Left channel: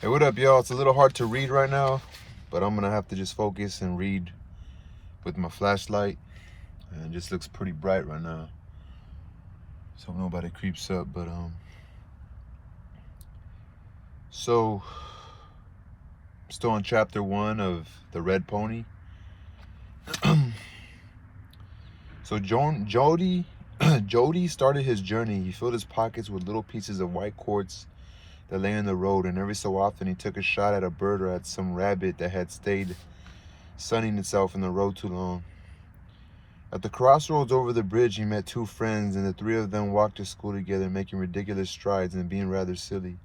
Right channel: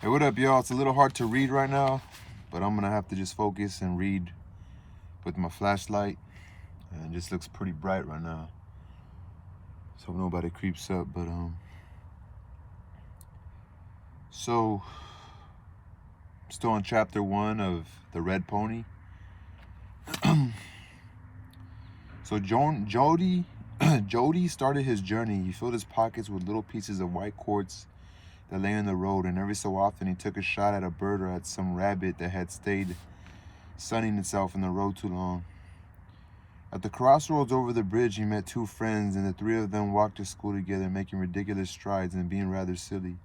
Hey, what up, y'all? It's a little hard to read right now, but I'm gonna have to just focus and read with my flashlight. And it just looks pretty bright right now. So nobody creeps up, but so still on chapter 1 of The Red Pony. So Jody started his journey. He filled his pockets with little pieces of white quartz that lay in the road, and every so often he took a shot at a bird or at some rabbit that had stayed sunning itself in the road too long. At the crossroads over the bridge, he met two friends, and the three of them walked to school together, making ridiculous strides and being rather silly.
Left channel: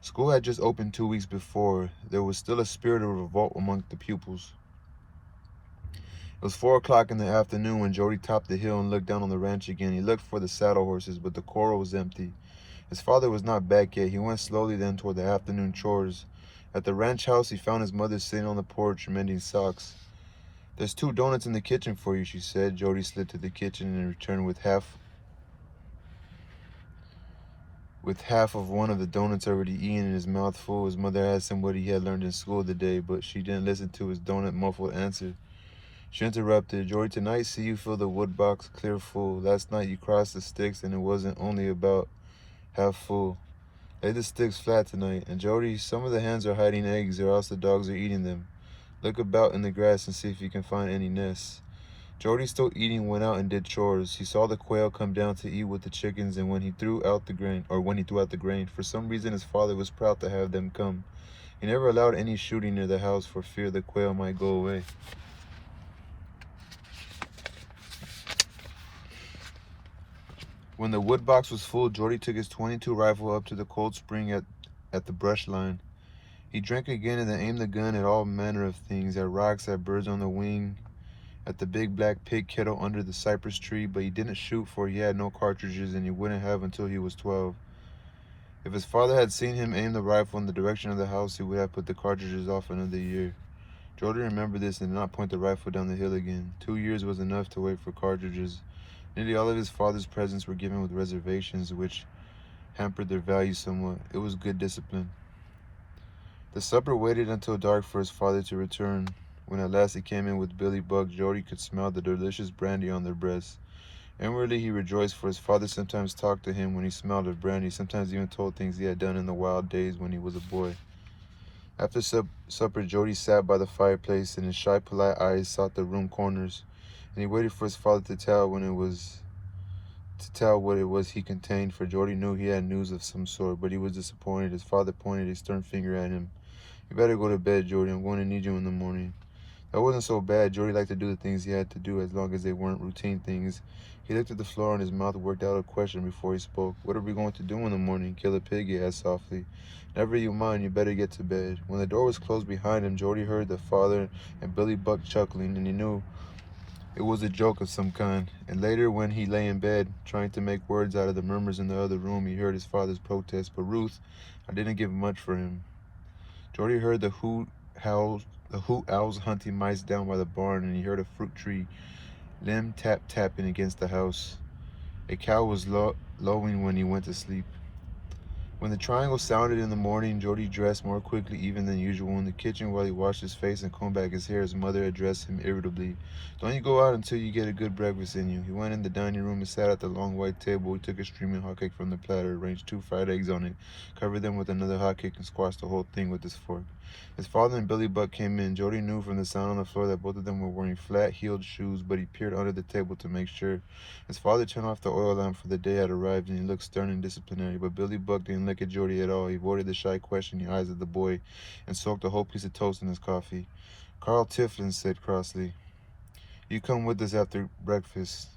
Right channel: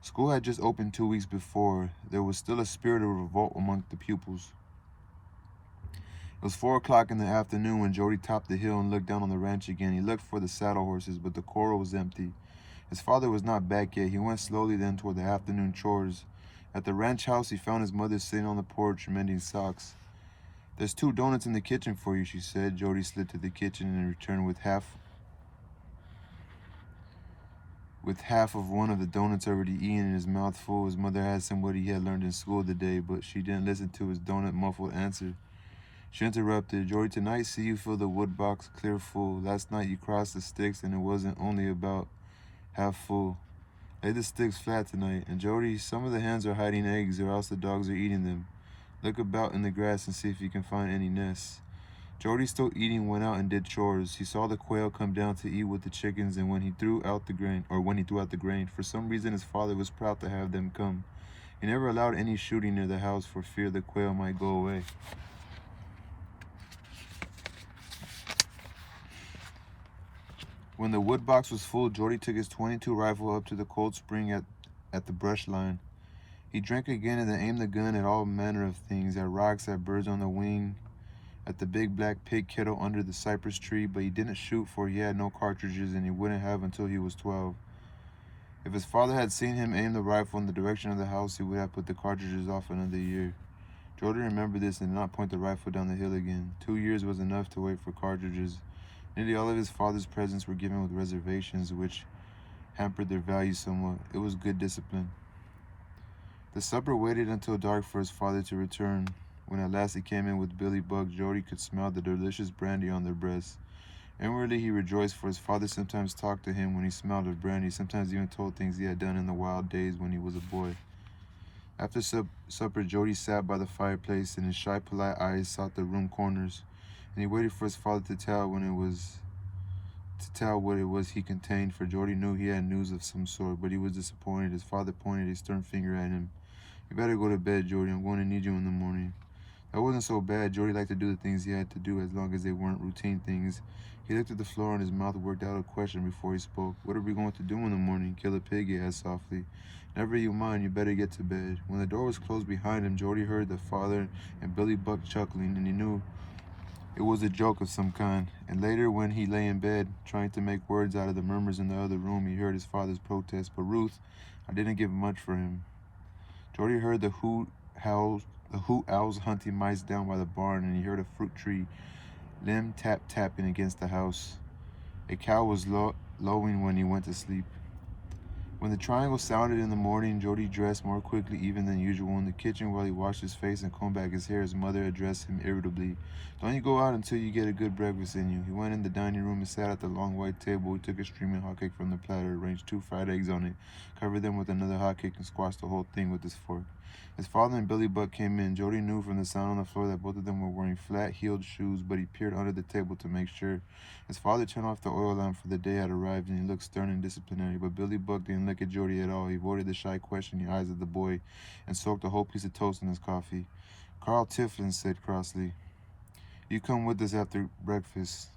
School had just opened 2 weeks before. There was still a spirit of revolt among the pupils. It was 4 o'clock in the afternoon when Jody topped the hill and looked down on the ranch again. He looked for the saddle horses, but the corral was empty. His father was not back yet. He went slowly then toward the afternoon chores. At the ranch house, he found his mother sitting on the porch mending socks. "There's 2 donuts in the kitchen for you," she said. Jody slid to the kitchen and returned with half of one of the donuts already eaten in his mouth full. His mother asked him what he had learned in school today, but she didn't listen to his donut-muffled answer. She interrupted. "Jory, tonight see you fill the wood box clear full. Last night you crossed the sticks and it wasn't only about half full. Lay the sticks flat tonight. And Jody, some of the hens are hiding eggs or else the dogs are eating them. Look about in the grass and see if you can find any nests." Jody, still eating, went out and did chores. He saw the quail come down to eat with the chickens, and when he threw out the grain, for some reason his father was proud to have them come. He never allowed any shooting near the house for fear the quail might go away. When the wood box was full, Jody took his .22 rifle up to the cold spring at the brush line. He drank again and then aimed the gun at all manner of things, at rocks, at birds on the wing, at the big black pig kettle under the cypress tree, but he didn't shoot for he had no cartridges and he wouldn't have until he was 12. If his father had seen him aim the rifle in the direction of the house, he would have put the cartridges off another year. Jordan remembered this and did not point the rifle down the hill again. 2 years was enough to wait for cartridges. Nearly all of his father's presents were given with reservations, which hampered their value somewhat. It was good discipline. The supper waited until dark for his father to return. When at last he came in with Billy Buck, Jody could smell the delicious brandy on their breasts. Inwardly he rejoiced, for his father sometimes talked to him when he smelled of brandy, sometimes even told things he had done in the wild days when he was a boy. After supper, Jody sat by the fireplace, and his shy, polite eyes sought the room corners, and he waited for his father to tell what it was he contained, for Jody knew he had news of some sort, but he was disappointed. His father pointed a stern finger at him. "You better go to bed, Jody. I'm going to need you in the morning." That wasn't so bad. Jody liked to do the things he had to do as long as they weren't routine things. He looked at the floor and his mouth worked out a question before he spoke. "What are we going to do in the morning?" "Kill a pig," he asked softly. "Never you mind. You better get to bed." When the door was closed behind him, Jody heard the father and Billy Buck chuckling, and he knew it was a joke of some kind. And later, when he lay in bed, trying to make words out of the murmurs in the other room, he heard his father's protest. "But Ruth, I didn't give much for him." Jody heard the hoot owls hunting mice down by the barn, and he heard a fruit tree limb tapping against the house. A cow was lowing when he went to sleep. When the triangle sounded in the morning, Jody dressed more quickly even than usual. In the kitchen, while he washed his face and combed back his hair, his mother addressed him irritably. "Don't you go out until you get a good breakfast in you." He went in the dining room and sat at the long white table. He took a steaming hot cake from the platter, arranged 2 fried eggs on it, covered them with another hot cake, and squashed the whole thing with his fork. His father and Billy Buck came in. Jody knew from the sound on the floor that both of them were wearing flat-heeled shoes, but he peered under the table to make sure. His father turned off the oil lamp, for the day had arrived, and he looked stern and disciplinary. But Billy Buck didn't look at Jody at all. He avoided the shy, questioning eyes of the boy and soaked a whole piece of toast in his coffee. Carl Tiflin said crossly, "You come with us after breakfast."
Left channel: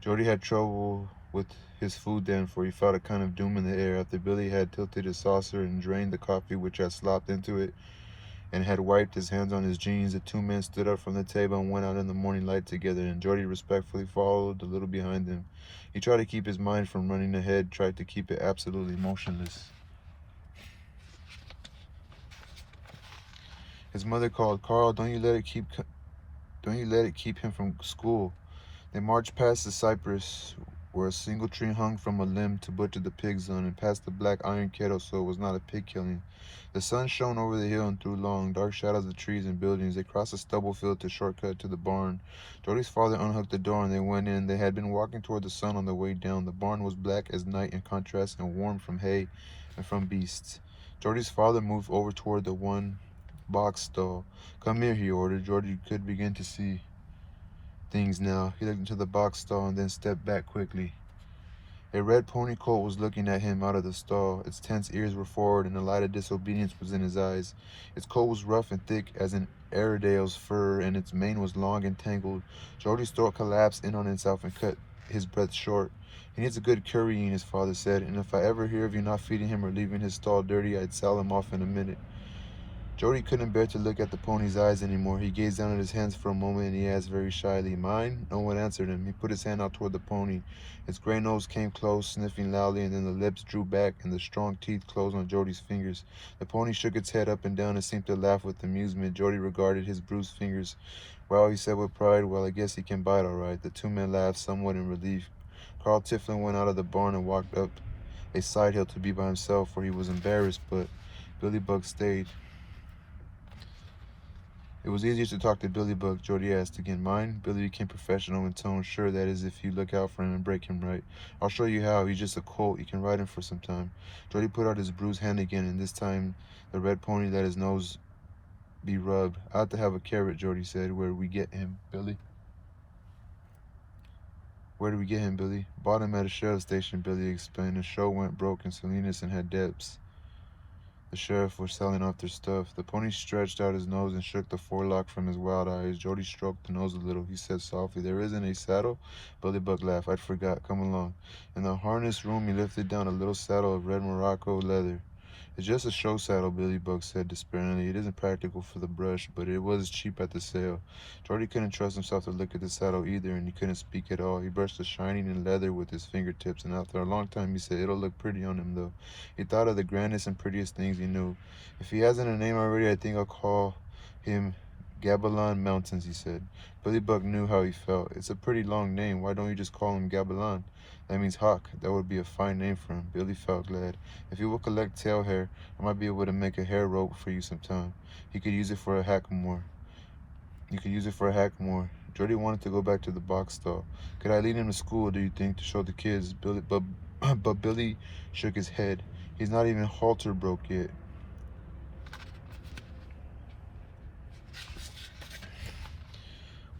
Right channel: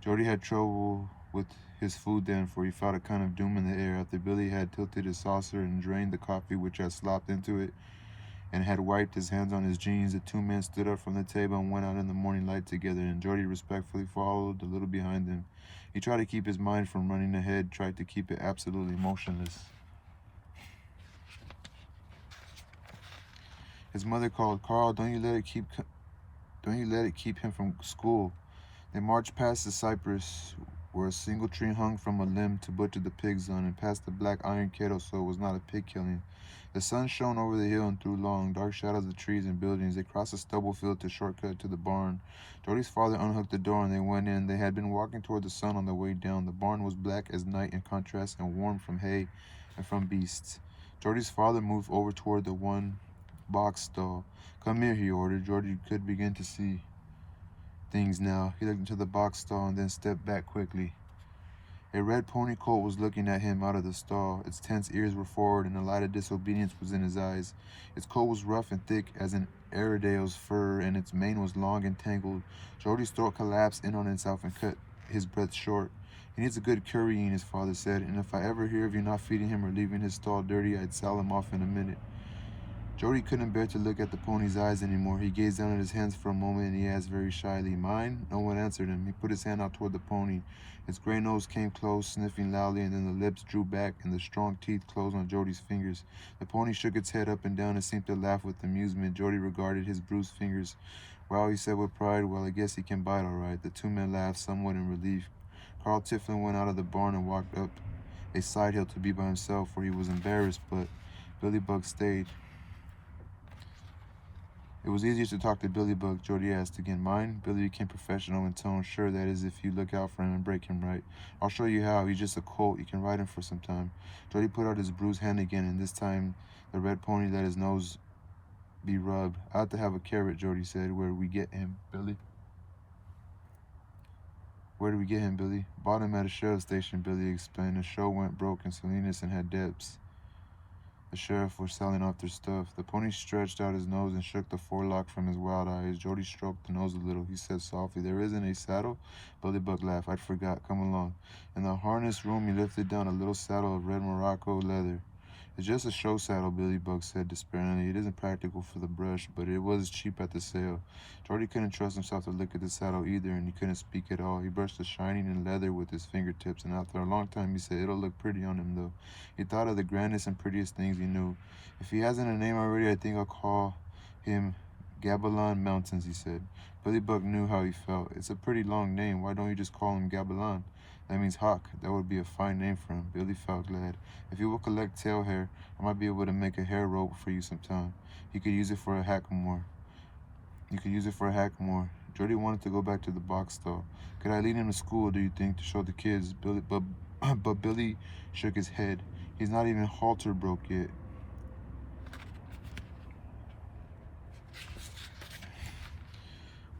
Jody had trouble with his food then, for he felt a kind of doom in the air. After Billy had tilted his saucer and drained the coffee which had slopped into it, and had wiped his hands on his jeans, the 2 men stood up from the table and went out in the morning light together, and Jody respectfully followed a little behind them. He tried to keep his mind from running ahead, tried to keep it absolutely motionless. His mother called, "Carl, don't you let it keep him from school." They marched past the cypress where a single tree hung from a limb to butcher the pigs on, and past the black iron kettle so it was not a pig killing. The sun shone over the hill and through long, dark shadows of trees and buildings. They crossed a stubble field to shortcut to the barn. Jordy's father unhooked the door and they went in. They had been walking toward the sun on the way down. The barn was black as night in contrast and warm from hay and from beasts. Jordy's father moved over toward the one box stall. Come here, he ordered. Jordy could begin to see things now. He looked into the box stall and then stepped back quickly. A red pony colt was looking at him out of the stall. Its tense ears were forward, and the light of disobedience was in his eyes. Its coat was rough and thick as an Airedale's fur, and its mane was long and tangled. Jody's throat collapsed in on itself and cut his breath short. He needs a good currying, his father said, and if I ever hear of you not feeding him or leaving his stall dirty, I'd sell him off in a minute. Jody couldn't bear to look at the pony's eyes anymore. He gazed down at his hands for a moment and he asked very shyly, "Mine?" No one answered him. He put his hand out toward the pony. Its gray nose came close, sniffing loudly, and then the lips drew back and the strong teeth closed on Jody's fingers. The pony shook its head up and down and seemed to laugh with amusement. Jody regarded his bruised fingers. "Well," he said with pride, "well, I guess he can bite all right." The two men laughed, somewhat in relief. Carl Tiflin went out of the barn and walked up a side hill to be by himself, for he was embarrassed, but Billy Buck stayed. It was easier to talk to Billy Buck. Jody asked again. "Mine?" Billy became professional in tone. "Sure, that is if you look out for him and break him right. I'll show you how. He's just a colt. You can ride him for some time." Jody put out his bruised hand again, and this time the red pony let his nose be rubbed. "I ought to have a carrot," Jody said. "Where do we get him, Billy?" "Where do we get him, Billy?" "Bought him at a sheriff's station," Billy explained. "The show went broke and Salinas and had debts. The sheriff was selling off their stuff." The pony stretched out his nose and shook the forelock from his wild eyes. Jody stroked the nose a little. He said softly, "There isn't a saddle?" Billy Buck laughed. "I'd forgot. Come along." In the harness room, he lifted down a little saddle of red Morocco leather. "It's just a show saddle," Billy Buck said despairingly. "It isn't practical for the brush, but it was cheap at the sale." Jordy couldn't trust himself to look at the saddle either, and he couldn't speak at all. He brushed the shining leather with his fingertips, and after a long time he said, "It'll look pretty on him, though." He thought of the grandest and prettiest things he knew. "If he hasn't a name already, I think I'll call him Gabilan Mountains," he said. Billy Buck knew how he felt. "It's a pretty long name. Why don't you just call him Gabilan? That means hawk. That would be a fine name for him." Billy felt glad. "If you will collect tail hair, I might be able to make a hair rope for you sometime. He could use it for a hackamore. You could use it for a hackamore." Jody wanted to go back to the box stall. "Could I lead him to school, do you think, to show the kids?" But Billy shook his head. "He's not even halter broke yet."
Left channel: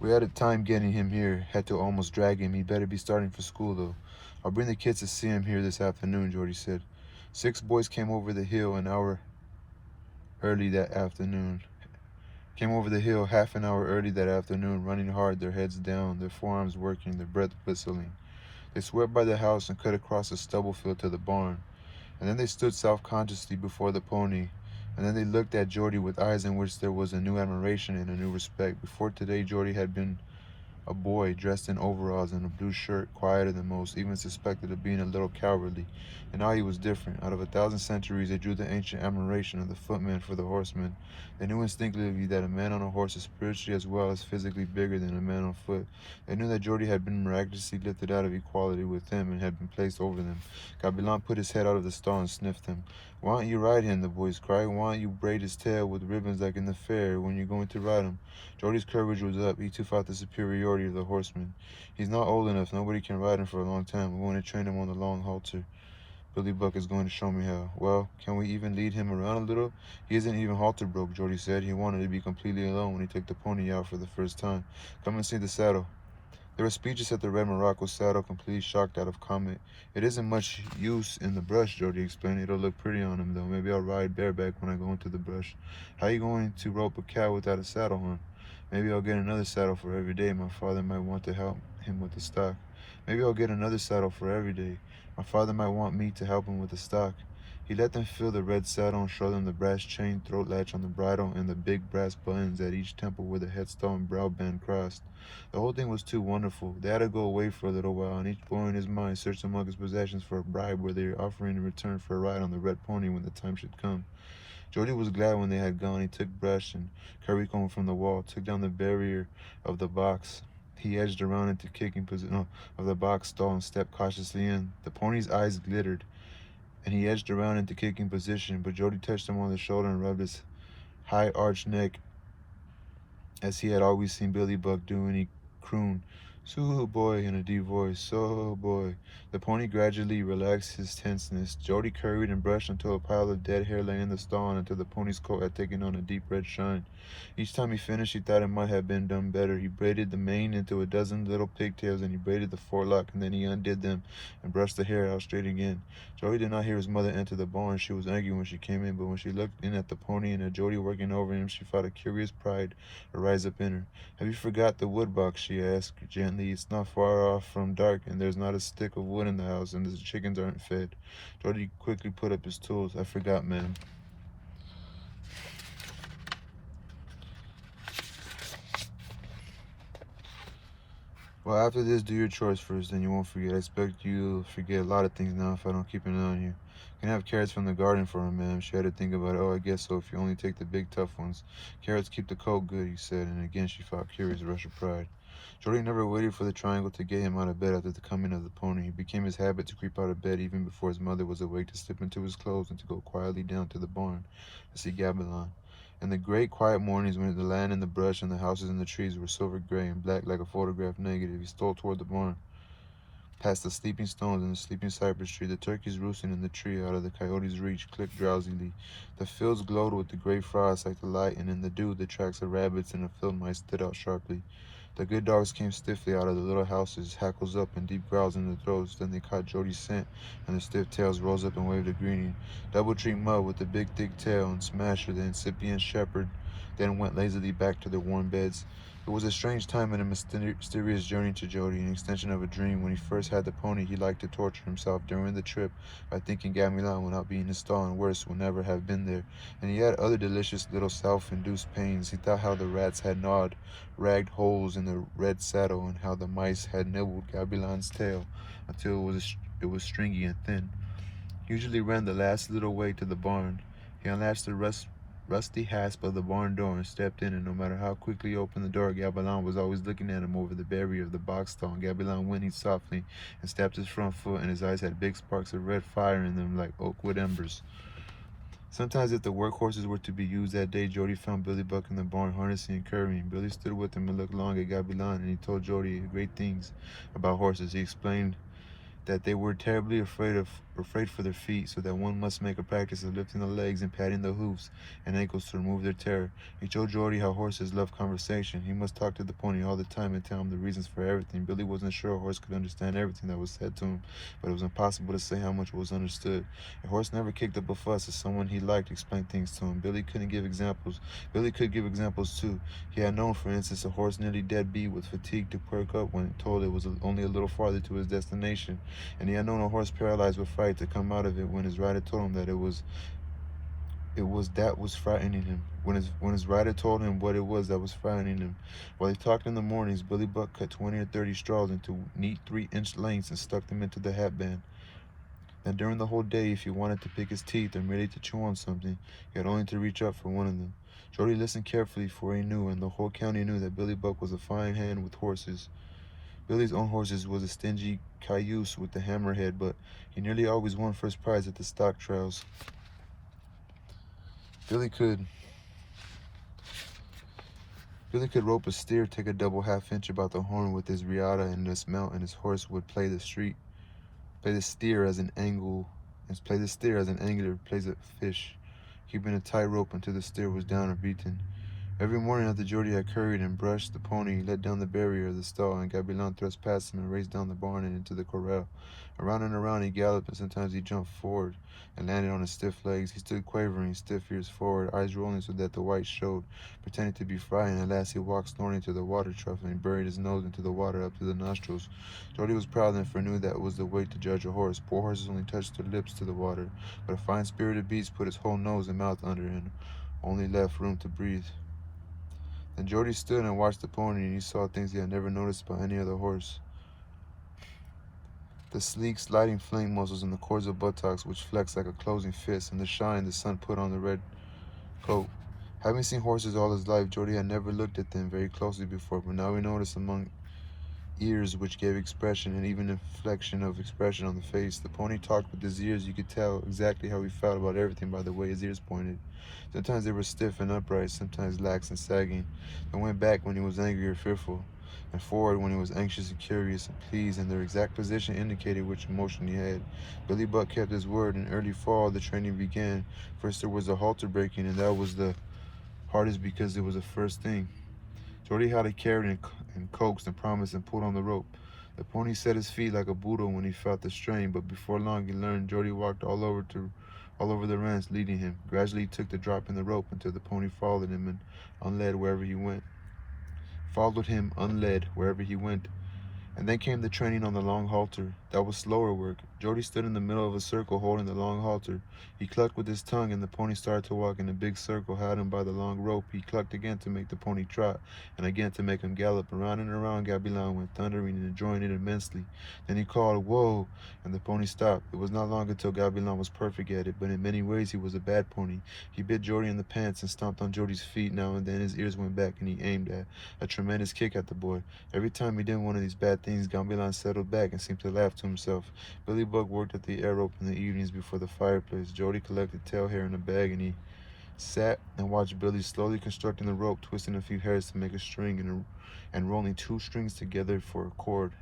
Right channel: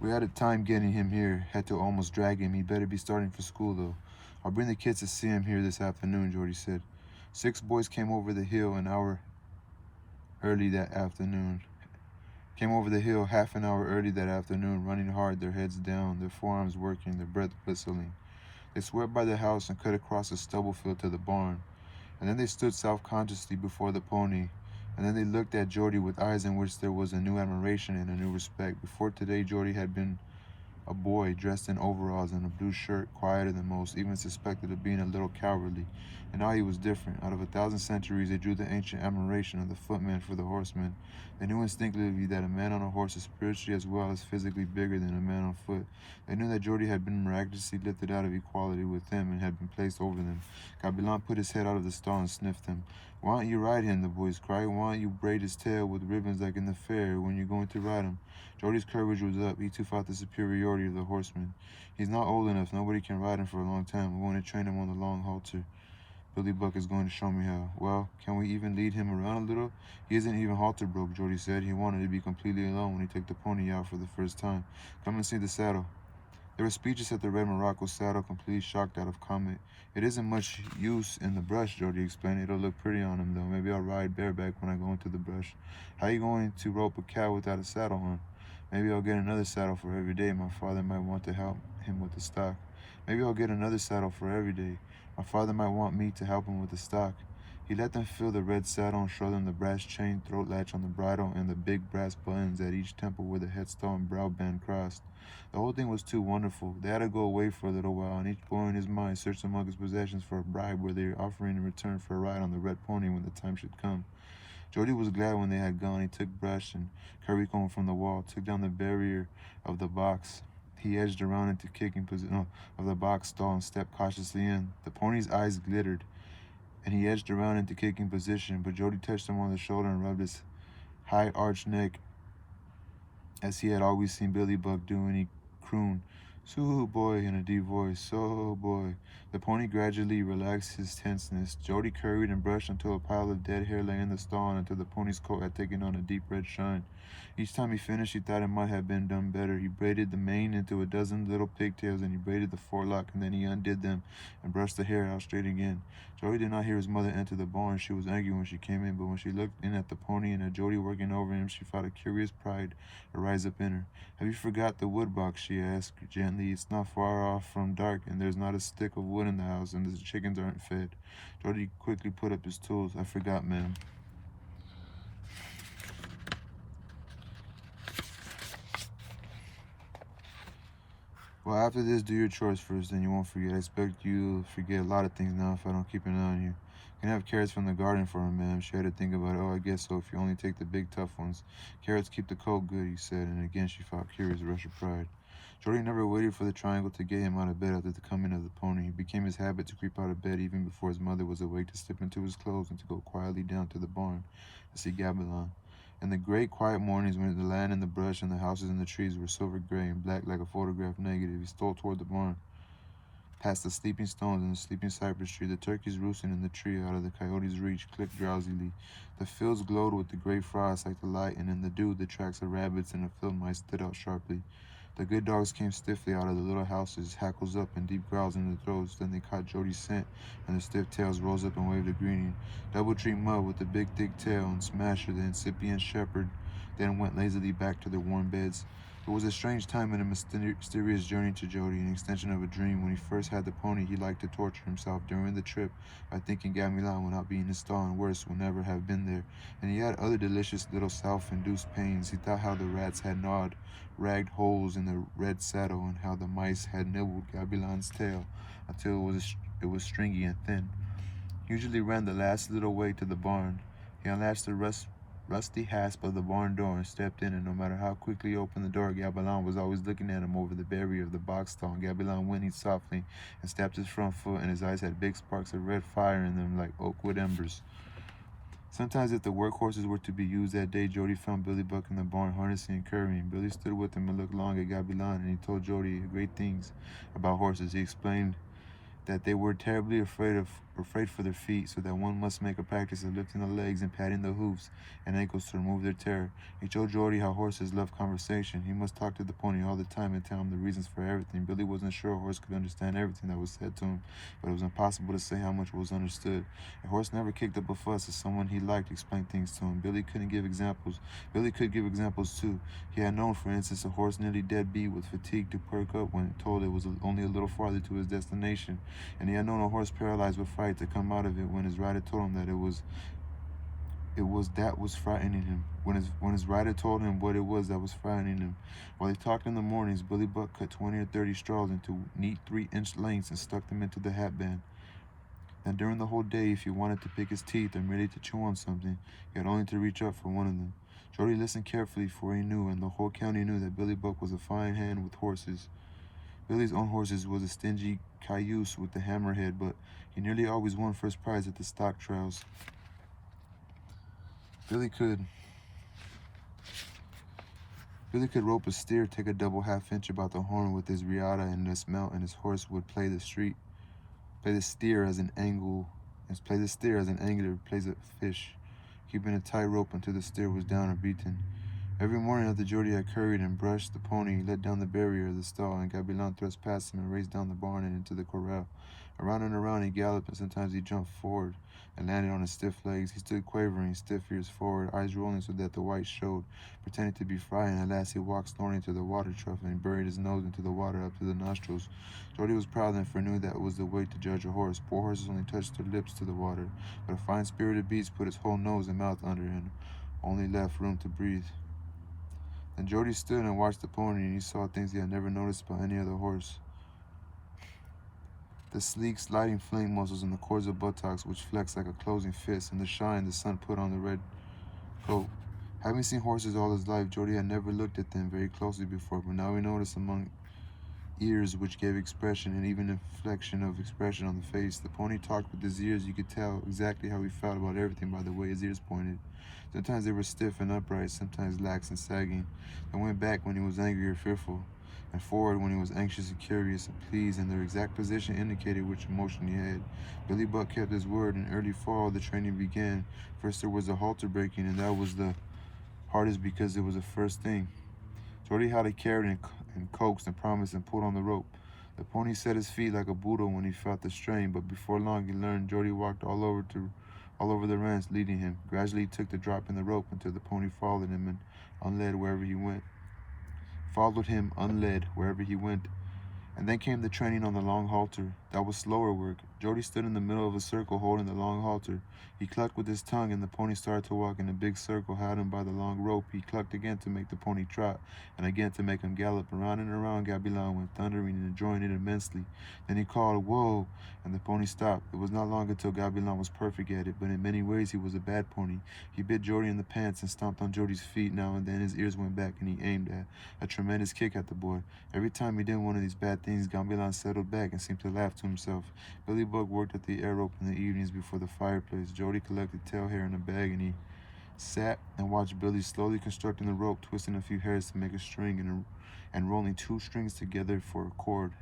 "We had a time getting him here. Had to almost drag him. He'd better be starting for school, though." "I'll bring the kids to see him here this afternoon," Jody said. 6 boys came over the hill early that afternoon. Half an hour early that afternoon, running hard, their heads down, their forearms working, their breath whistling. They swept by the house and cut across the stubble field to the barn. And then they stood self-consciously before the pony. And then they looked at Jordy with eyes in which there was a new admiration and a new respect. Before today, Jordy had been a boy dressed in overalls and a blue shirt, quieter than most, even suspected of being a little cowardly. And now he was different. Out of 1,000 centuries, they drew the ancient admiration of the footman for the horseman. They knew instinctively that a man on a horse is spiritually as well as physically bigger than a man on foot. They knew that Jordy had been miraculously lifted out of equality with them and had been placed over them. Gabilan put his head out of the stall and sniffed him. "Why don't you ride him?" the boys cried. "Why don't you braid his tail with ribbons like in the fair when you're going to ride him?" Jordy's courage was up. He too felt the superiority of the horseman. "He's not old enough. Nobody can ride him for a long time. I'm going to train him on the long halter. Billy Buck is going to show me how." "Well, can we even lead him around a little?" "He isn't even halter broke," Jordy said. He wanted to be completely alone when he took the pony out for the first time. "Come and see the saddle." They were speechless at the red Morocco saddle, completely shocked out of comment. "It isn't much use in the brush," Jordy explained. "It'll look pretty on him, though. Maybe I'll ride bareback when I go into the brush." "How are you going to rope a cow without a saddle on?" "Maybe I'll get another saddle for every day. My father might want to help him with the stock." "Maybe I'll get another saddle for every day. My father might want me to help him with the stock." He let them feel the red saddle and showed them the brass chain throat latch on the bridle and the big brass buttons at each temple where the headstall and brow band crossed. The whole thing was too wonderful. They had to go away for a little while, and each boy in his mind searched among his possessions for a bribe where they were offering in return for a ride on the red pony when the time should come. Jody was glad when they had gone. He took brush and currycomb from the wall, took down the barrier of the box, He edged around into kicking position of the box stall and stepped cautiously in. The pony's eyes glittered, and he edged around into kicking position, but Jody touched him on the shoulder and rubbed his high arched neck as he had always seen Billy Buck do, and he crooned, "So boy," in a deep voice, "So boy." The pony gradually relaxed his tenseness. Jody curried and brushed until a pile of dead hair lay in the stall and until the pony's coat had taken on a deep red shine. Each time he finished, he thought it might have been done better. He braided the mane into a dozen little pigtails, and he braided the forelock, and then he undid them and brushed the hair out straight again. Jody did not hear his mother enter the barn. She was angry when she came in, but when she looked in at the pony and at Jody working over him, she felt a curious pride rise up in her. "Have you forgot the wood box?" she asked gently. "It's not far off from dark, and there's not a stick of wood in the house, and the chickens aren't fed." Jody quickly put up his tools. "I forgot, ma'am." "Well, after this, do your chores first, then you won't forget. I expect you'll forget a lot of things now if I don't keep an eye on you. Can I have carrots from the garden for her, ma'am?" She had to think about it. "Oh, I guess so, if you only take the big, tough ones. Carrots keep the cold good," he said, and again she felt a curious rush of pride. Jody never waited for the triangle to get him out of bed after the coming of the pony. It became his habit to creep out of bed even before his mother was awake, to slip into his clothes and to go quietly down to the barn to see Gabilan. In the great quiet mornings when the land and the brush and the houses and the trees were silver gray and black like a photograph negative, he stole toward the barn, past the sleeping stones and the sleeping cypress tree. The turkeys roosting in the tree out of the coyote's reach clicked drowsily. The fields glowed with the gray frost like the light, and in the dew the tracks of rabbits and of field mice stood out sharply. The good dogs came stiffly out of the little houses, hackles up and deep growls in their throats. Then they caught Jody's scent, and their stiff tails rose up and waved a greeting. Doubletree Mud with the big thick tail, and Smasher, the incipient shepherd, then went lazily back to their warm beds. It was a strange time and a mysterious journey to Jody, an extension of a dream. When he first had the pony, he liked to torture himself during the trip by thinking Gamelan would not be in his stall and worse, would never have been there. And he had other delicious little self-induced pains. He thought how the rats had gnawed ragged holes in the red saddle, and how the mice had nibbled Gabilan's tail until it was stringy and thin. He usually ran the last little way to the barn. He unlatched the rusty hasp of the barn door and stepped in, and no matter how quickly he opened the door, Gabilan was always looking at him over the barrier of the box stall. Gabilan whinnied softly and stamped his front foot, and his eyes had big sparks of red fire in them like oak wood embers. Sometimes if the workhorses were to be used that day, Jody found Billy Buck in the barn harnessing and currying. Billy stood with him and looked long at Gabilan, and he told Jody great things about horses. He explained that they were terribly afraid for their feet, so that one must make a practice of lifting the legs and patting the hoofs and ankles to remove their terror. He told Jordy how horses love conversation. He must talk to the pony all the time and tell him the reasons for everything. Billy wasn't sure a horse could understand everything that was said to him, but it was impossible to say how much was understood. A horse never kicked up a fuss if someone he liked explained things to him. Billy couldn't give examples. Billy could give examples too. He had known, for instance, a horse nearly dead beat with fatigue to perk up when told it was only a little farther to his destination, and he had known a horse paralyzed with fright to come out of it when his rider told him that was frightening him. When his rider told him what it was that was frightening him. While he talked in the mornings, Billy Buck cut 20 or 30 straws into neat 3-inch lengths and stuck them into the hatband. Then during the whole day, if he wanted to pick his teeth or merely to chew on something, he had only to reach up for one of them. Jody listened carefully, for he knew, and the whole county knew, that Billy Buck was a fine hand with horses. Billy's own horses was a stingy cayuse with the hammerhead, but he nearly always won first prize at the stock trials. Billy could rope a steer, take a double half-inch about the horn with his riata and dismount, and his horse would play the steer as an angler plays a fish, keeping a tight rope until the steer was down or beaten. Every morning after Jody had curried and brushed the pony, he let down the barrier of the stall, and Gabilan thrust past him and raced down the barn and into the corral. Around and around he galloped, and sometimes he jumped forward and landed on his stiff legs. He stood quavering, stiff ears forward, eyes rolling so that the white showed, pretending to be frightened. At last he walked snorting to the water trough and buried his nose into the water up to the nostrils. Jody was proud then, for knew that was the way to judge a horse. Poor horses only touched their lips to the water, but a fine-spirited beast put his whole nose and mouth under and only left room to breathe. Then Jody stood and watched the pony, and he saw things he had never noticed about any other horse. The sleek, sliding flank muscles and the cords of buttocks which flexed like a closing fist, and the shine the sun put on the red coat. Having seen horses all his life, Jody had never looked at them very closely before, but now he noticed among ears which gave expression and even inflection of expression on the face. The pony talked with his ears. You could tell exactly how he felt about everything by the way his ears pointed. Sometimes they were stiff and upright, sometimes lax and sagging. They went back when he was angry or fearful, and forward when he was anxious and curious and pleased, and their exact position indicated which emotion he had. Billy Buck kept his word. In early fall, the training began. First there was a halter breaking, and that was the hardest because it was the first thing. Jordy had it carried and coaxed and promised and pulled on the rope. The pony set his feet like a Buddha when he felt the strain, but before long he learned. Jordy walked all over the ranch, leading him. Gradually he took the drop in the rope until the pony followed him and unled wherever he went. Followed him unled wherever he went. And then came the training on the long halter. That was slower work. Jody stood in the middle of a circle holding the long halter. He clucked with his tongue and the pony started to walk in a big circle, had him by the long rope. He clucked again to make the pony trot, and again to make him gallop. Around and around Gabilan went, thundering and enjoying it immensely. Then he called, "Whoa!" and the pony stopped. It was not long until Gabilan was perfect at it, but in many ways he was a bad pony. He bit Jody in the pants and stomped on Jody's feet. Now and then his ears went back and he aimed a tremendous kick at the boy. Every time he did one of these bad things, Gambilan settled back and seemed to laugh to himself. Billy Buck worked at the air rope in the evenings before the fireplace. Jody collected tail hair in a bag and he sat and watched Billy slowly constructing the rope, twisting a few hairs to make a string and rolling two strings together for a cord,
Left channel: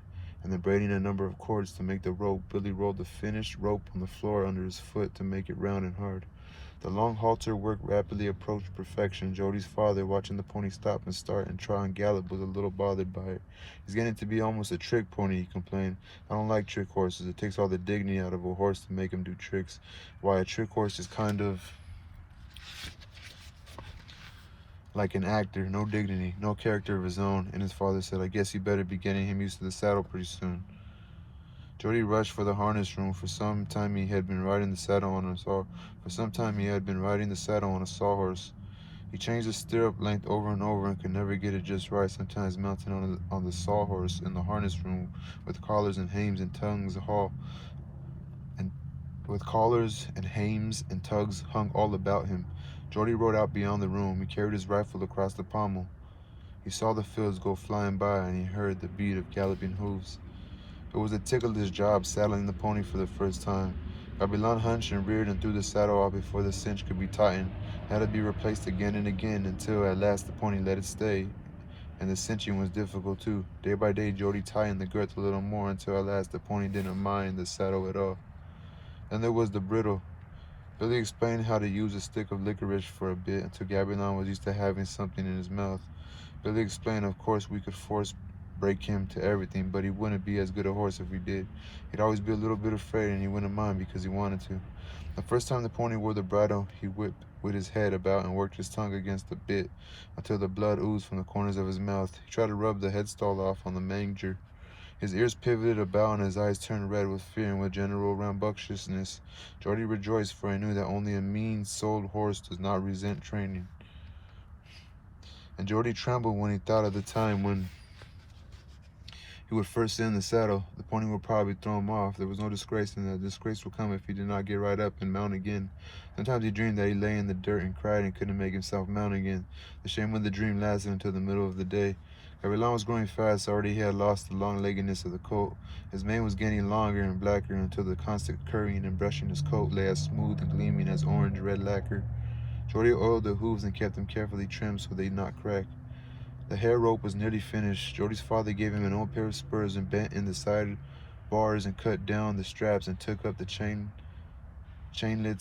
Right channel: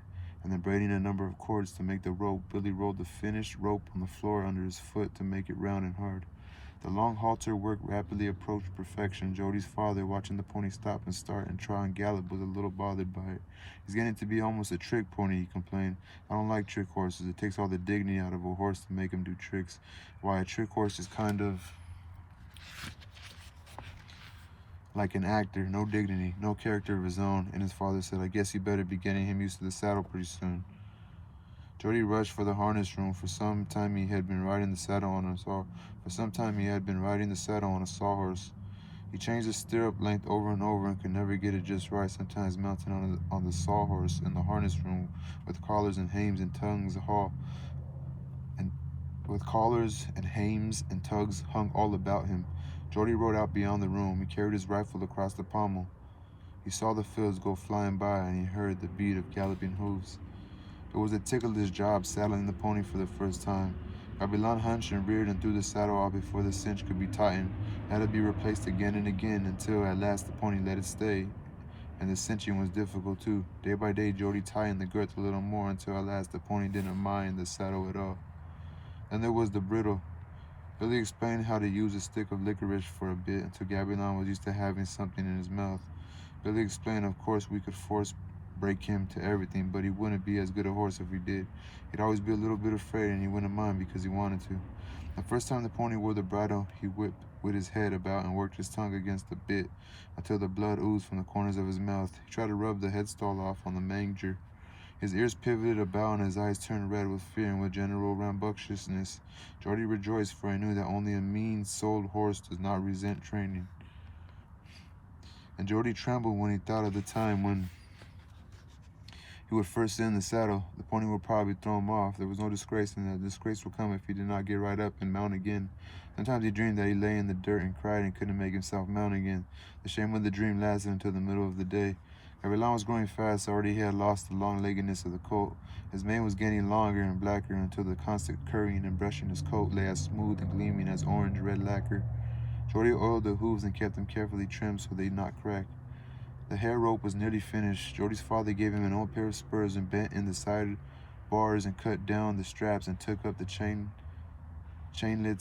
and then braiding a number of cords to make the rope. Billy rolled the finished rope on the floor under his foot to make it round and hard. The long halter work rapidly approached perfection. Jody's father, watching the pony stop and start and try and gallop, was a little bothered by it. "He's getting to be almost a trick pony," he complained. "I don't like trick horses. It takes all the dignity out of a horse to make him do tricks. Why, a trick horse is kind of like an actor, no dignity, no character of his own." And his father said, "I guess you better be getting him used to the saddle pretty soon." Jody rushed for the harness room. For some time he had been riding the saddle on a sawhorse. He changed the stirrup length over and over and could never get it just right. Sometimes mounted on the sawhorse in the harness room with collars and hames and tugs and with collars and hames and tugs hung all about him. Jody rode out beyond the room. He carried his rifle across the pommel. He saw the fields go flying by and he heard the beat of galloping hooves. It was a ticklish job saddling the pony for the first time. Gabilan hunched and reared and threw the saddle off before the cinch could be tightened. It had to be replaced again and again until at last the pony let it stay. And the cinching was difficult too. Day by day Jody tightened the girth a little more until at last the pony didn't mind the saddle at all. Then there was the bridle. Billy explained how to use a stick of licorice for a bit until Gabilan was used to having something in his mouth. Billy explained, of course we could force break him to everything, but he wouldn't be as good a horse if we did. He'd always be a little bit afraid and he wouldn't mind because he wanted to. The first time the pony wore the bridle, he whipped with his head about and worked his tongue against the bit until the blood oozed from the corners of his mouth. He tried to rub the headstall off on the manger. His ears pivoted about and his eyes turned red with fear and with general rambunctiousness. Jordy rejoiced, for he knew that only a mean-souled horse does not resent training. And Jordy trembled when he thought of the time when he would first sit in the saddle. The pony would probably throw him off. There was no disgrace, and the disgrace would come if he did not get right up and mount again. Sometimes he dreamed that he lay in the dirt and cried and couldn't make himself mount again. The shame of the dream lasted until the middle of the day. Gavilan was growing fast. Already he had lost the long-leggedness of the coat. His mane was getting longer and blacker until the constant currying and brushing his coat lay as smooth and gleaming as orange-red lacquer. Jordy oiled the hooves and kept them carefully trimmed so they did not crack. The hair rope was nearly finished. Jody's father gave him an old pair of spurs and bent in the side bars and cut down the straps and took up the chainlets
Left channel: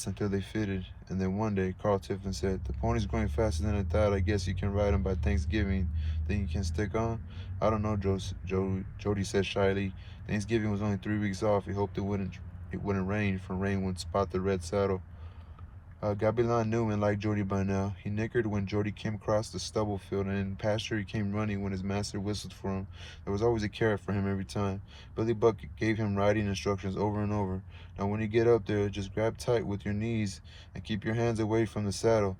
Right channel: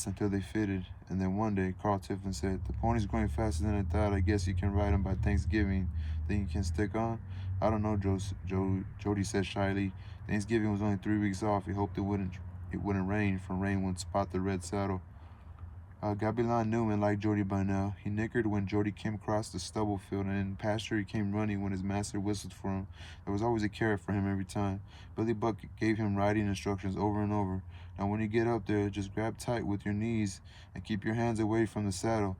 until they fitted. And then one day, Carl Tiffin said, "The pony's growing faster than I thought. I guess you can ride him by Thanksgiving. Think you can stick on?" "I don't know," Jody said shyly. Thanksgiving was only 3 weeks off. He hoped it wouldn't rain, for rain would spot the red saddle. Gabilan knew and liked Jody by now. He nickered when Jody came across the stubble field, and in pasture he came running when his master whistled for him. There was always a carrot for him every time. Billy Buck gave him riding instructions over and over. "Now when you get up there, just grab tight with your knees and keep your hands away from the saddle.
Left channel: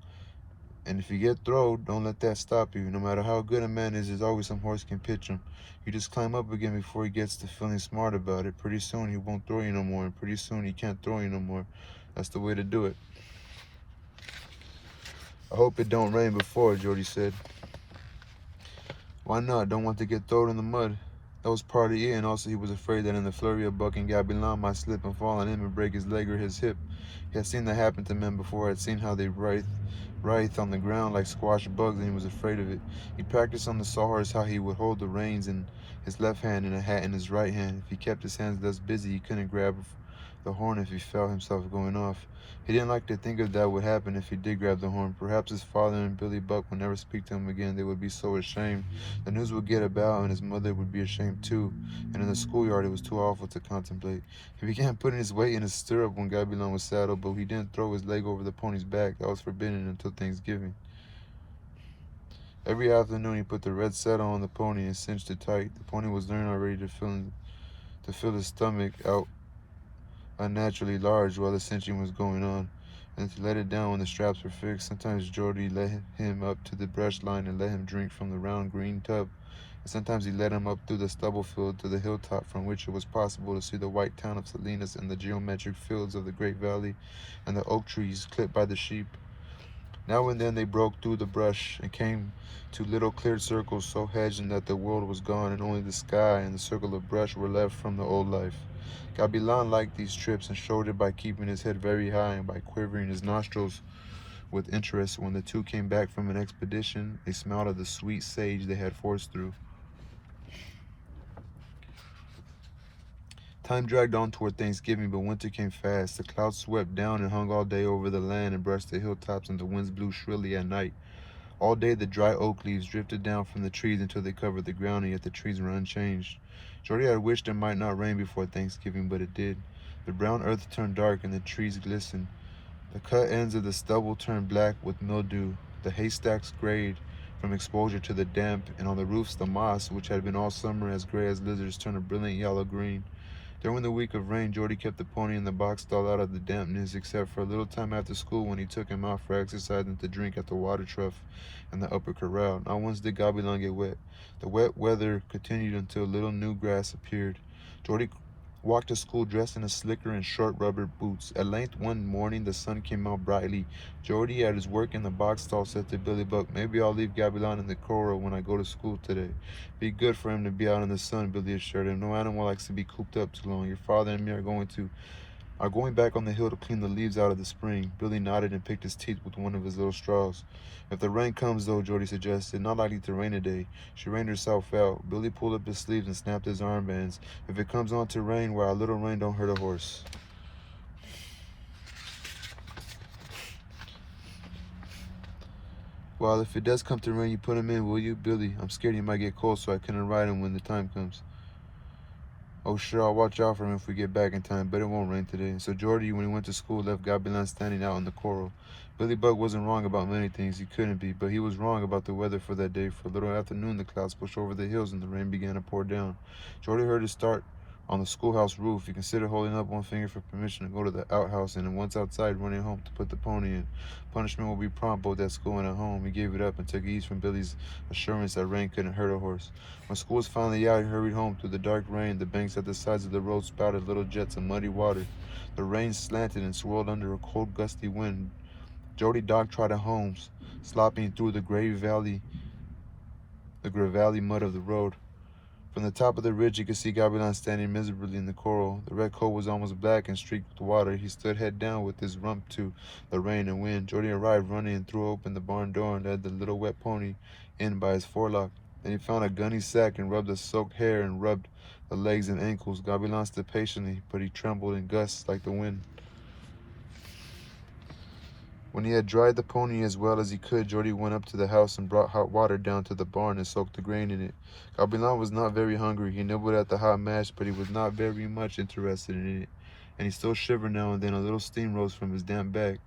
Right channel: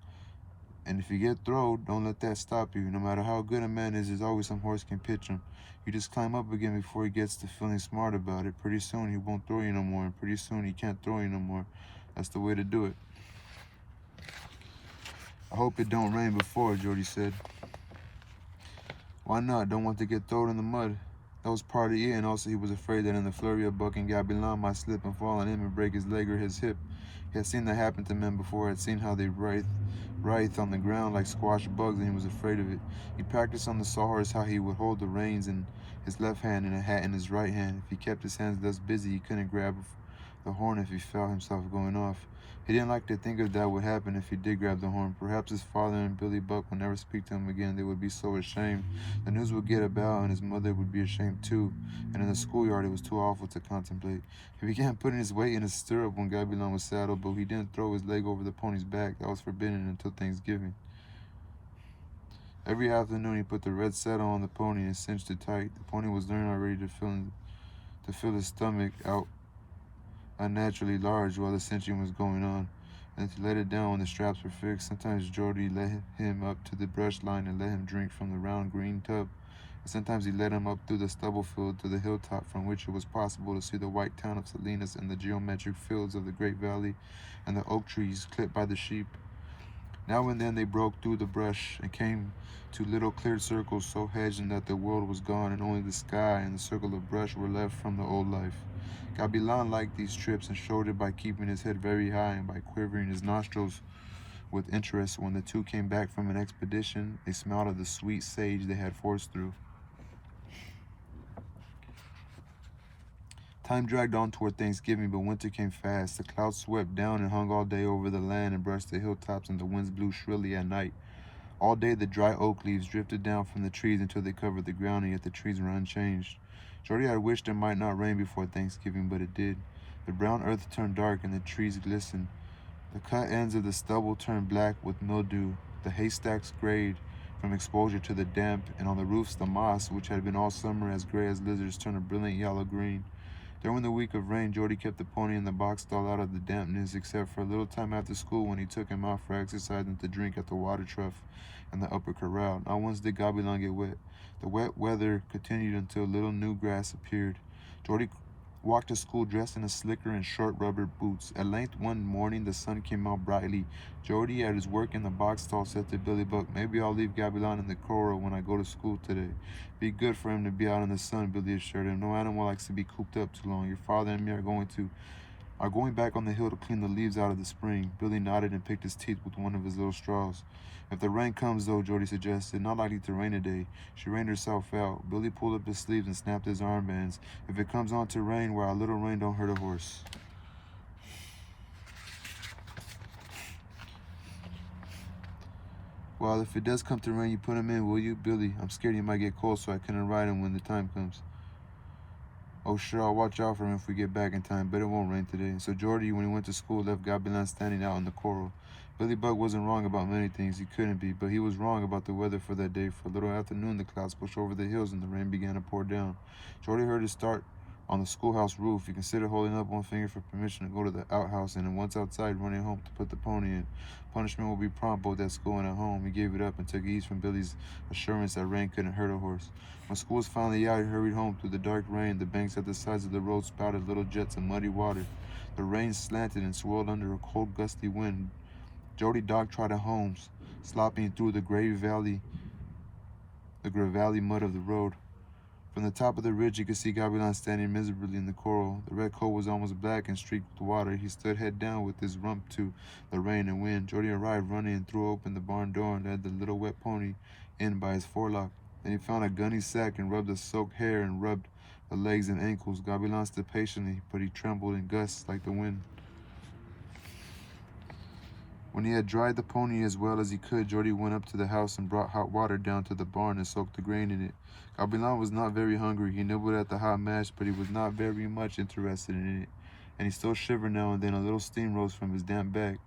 And if you get throwed, don't let that stop you. No matter how good a man is, there's always some horse can pitch him. You just climb up again before he gets to feeling smart about it. Pretty soon he won't throw you no more, and pretty soon he can't throw you no more. That's the way to do it." "I hope it don't rain before," Jody said. "Why not? Don't want to get thrown in the mud." That was part of it, and also he was afraid that in the flurry of bucking, Gabilan might slip and fall on him and break his leg or his hip. He had seen that happen to men before, had seen how they writhed on the ground like squashed bugs, and he was afraid of it. He practiced on the sawhorse how he would hold the reins in his left hand and a hat in his right hand. If he kept his hands less busy, he couldn't grab the horn if he felt himself going off. He didn't like to think of that would happen if he did grab the horn. Perhaps his father and Billy Buck would never speak to him again. They would be so ashamed. The news would get about, and his mother would be ashamed too. And in the schoolyard, it was too awful to contemplate. He began putting his weight in his stirrup when Gabilan was saddled, but he didn't throw his leg over the pony's back. That was forbidden until Thanksgiving. Every afternoon, he put the red saddle on the pony and cinched it tight. The pony was learning already to feel his stomach out unnaturally large while the cinching was going on, and to let it down when the straps were fixed. Sometimes Jordy led him up to the brush line and let him drink from the round green tub, and sometimes he led him up through the stubble field to the hilltop from which it was possible to see the white town of Salinas and the geometric fields of the Great Valley and the oak trees clipped by the sheep. Now and then they broke through the brush and came to little cleared circles so hedged that the world was gone and only the sky and the circle of brush were left from the old life. Gabilan liked these trips and showed it by keeping his head very high and by quivering his nostrils with interest. When the two came back from an expedition, they smelled of the sweet sage they had forced through. Time dragged on toward Thanksgiving, but winter came fast. The clouds swept down and hung all day over the land and brushed the hilltops, and the winds blew shrilly at night. All day the dry oak leaves drifted down from the trees until they covered the ground, and yet the trees were unchanged. Jordy had wished it might not rain before Thanksgiving, but it did. The brown earth turned dark and the trees glistened. The cut ends of the stubble turned black with mildew. The haystacks grayed from exposure to the damp, and on the roofs the moss, which had been all summer as gray as lizards, turned a brilliant yellow green. During the week of rain, Jordy kept the pony in the box stall out of the dampness, except for a little time after school when he took him out for exercise and to drink at the water trough and the upper corral. Not once did Gabilan get wet. The wet weather continued until little new grass appeared. Jordy walked to school dressed in a slicker and short rubber boots. At length one morning the sun came out brightly. Jordy, at his work in the box stall, said to Billy Buck, "Maybe I'll leave Gabilan in the corral when I go to school today." "Be good for him to be out in the sun," Billy assured him. "No animal likes to be cooped up too long. Your father and me are going back on the hill to clean the leaves out of the spring." Billy nodded and picked his teeth with one of his little straws. "If the rain comes, though," Jordy suggested. "Not likely to rain today." She rained herself out. Billy pulled up his sleeves and snapped his armbands. "If it comes on to rain, why, a little rain don't hurt a horse." "Well, if it does come to rain, you put him in, will you, Billy? I'm scared he might get cold, so I couldn't ride him when the time comes." "Oh, sure, I'll watch out for him if we get back in time, but it won't rain today." So Jordy, when he went to school, left Gabilan standing out in the corral. Billy Buck wasn't wrong about many things, he couldn't be, but he was wrong about the weather for that day. For a little after noon, the clouds pushed over the hills and the rain began to pour down. Jordy heard it start on the schoolhouse roof. He considered holding up one finger for permission to go to the outhouse, and then once outside, running home to put the pony in. Punishment would be prompt both at school and at home. He gave it up and took ease from Billy's assurance that rain couldn't hurt a horse. When school was finally out, he hurried home through the dark rain. The banks at the sides of the road spouted little jets of muddy water. The rain slanted and swirled under a cold, gusty wind. Jody dog-trotted home, slopping through the gravelly mud of the road. From the top of the ridge, you could see Gabilan standing miserably in the corral. The red coat was almost black and streaked with water. He stood head down with his rump to the rain and wind. Jordy arrived running and threw open the barn door and led the little wet pony in by his forelock. Then he found a gunny sack and rubbed the soaked hair and rubbed the legs and ankles. Gabilan stood patiently, but he trembled in gusts like the wind. When he had dried the pony as well as he could, Jordy went up to the house and brought hot water down to the barn and soaked the grain in it. Gabilan was not very hungry. He nibbled at the hot mash, but he was not very much interested in it, and he still shivered now and then. A little steam rose from his damp back.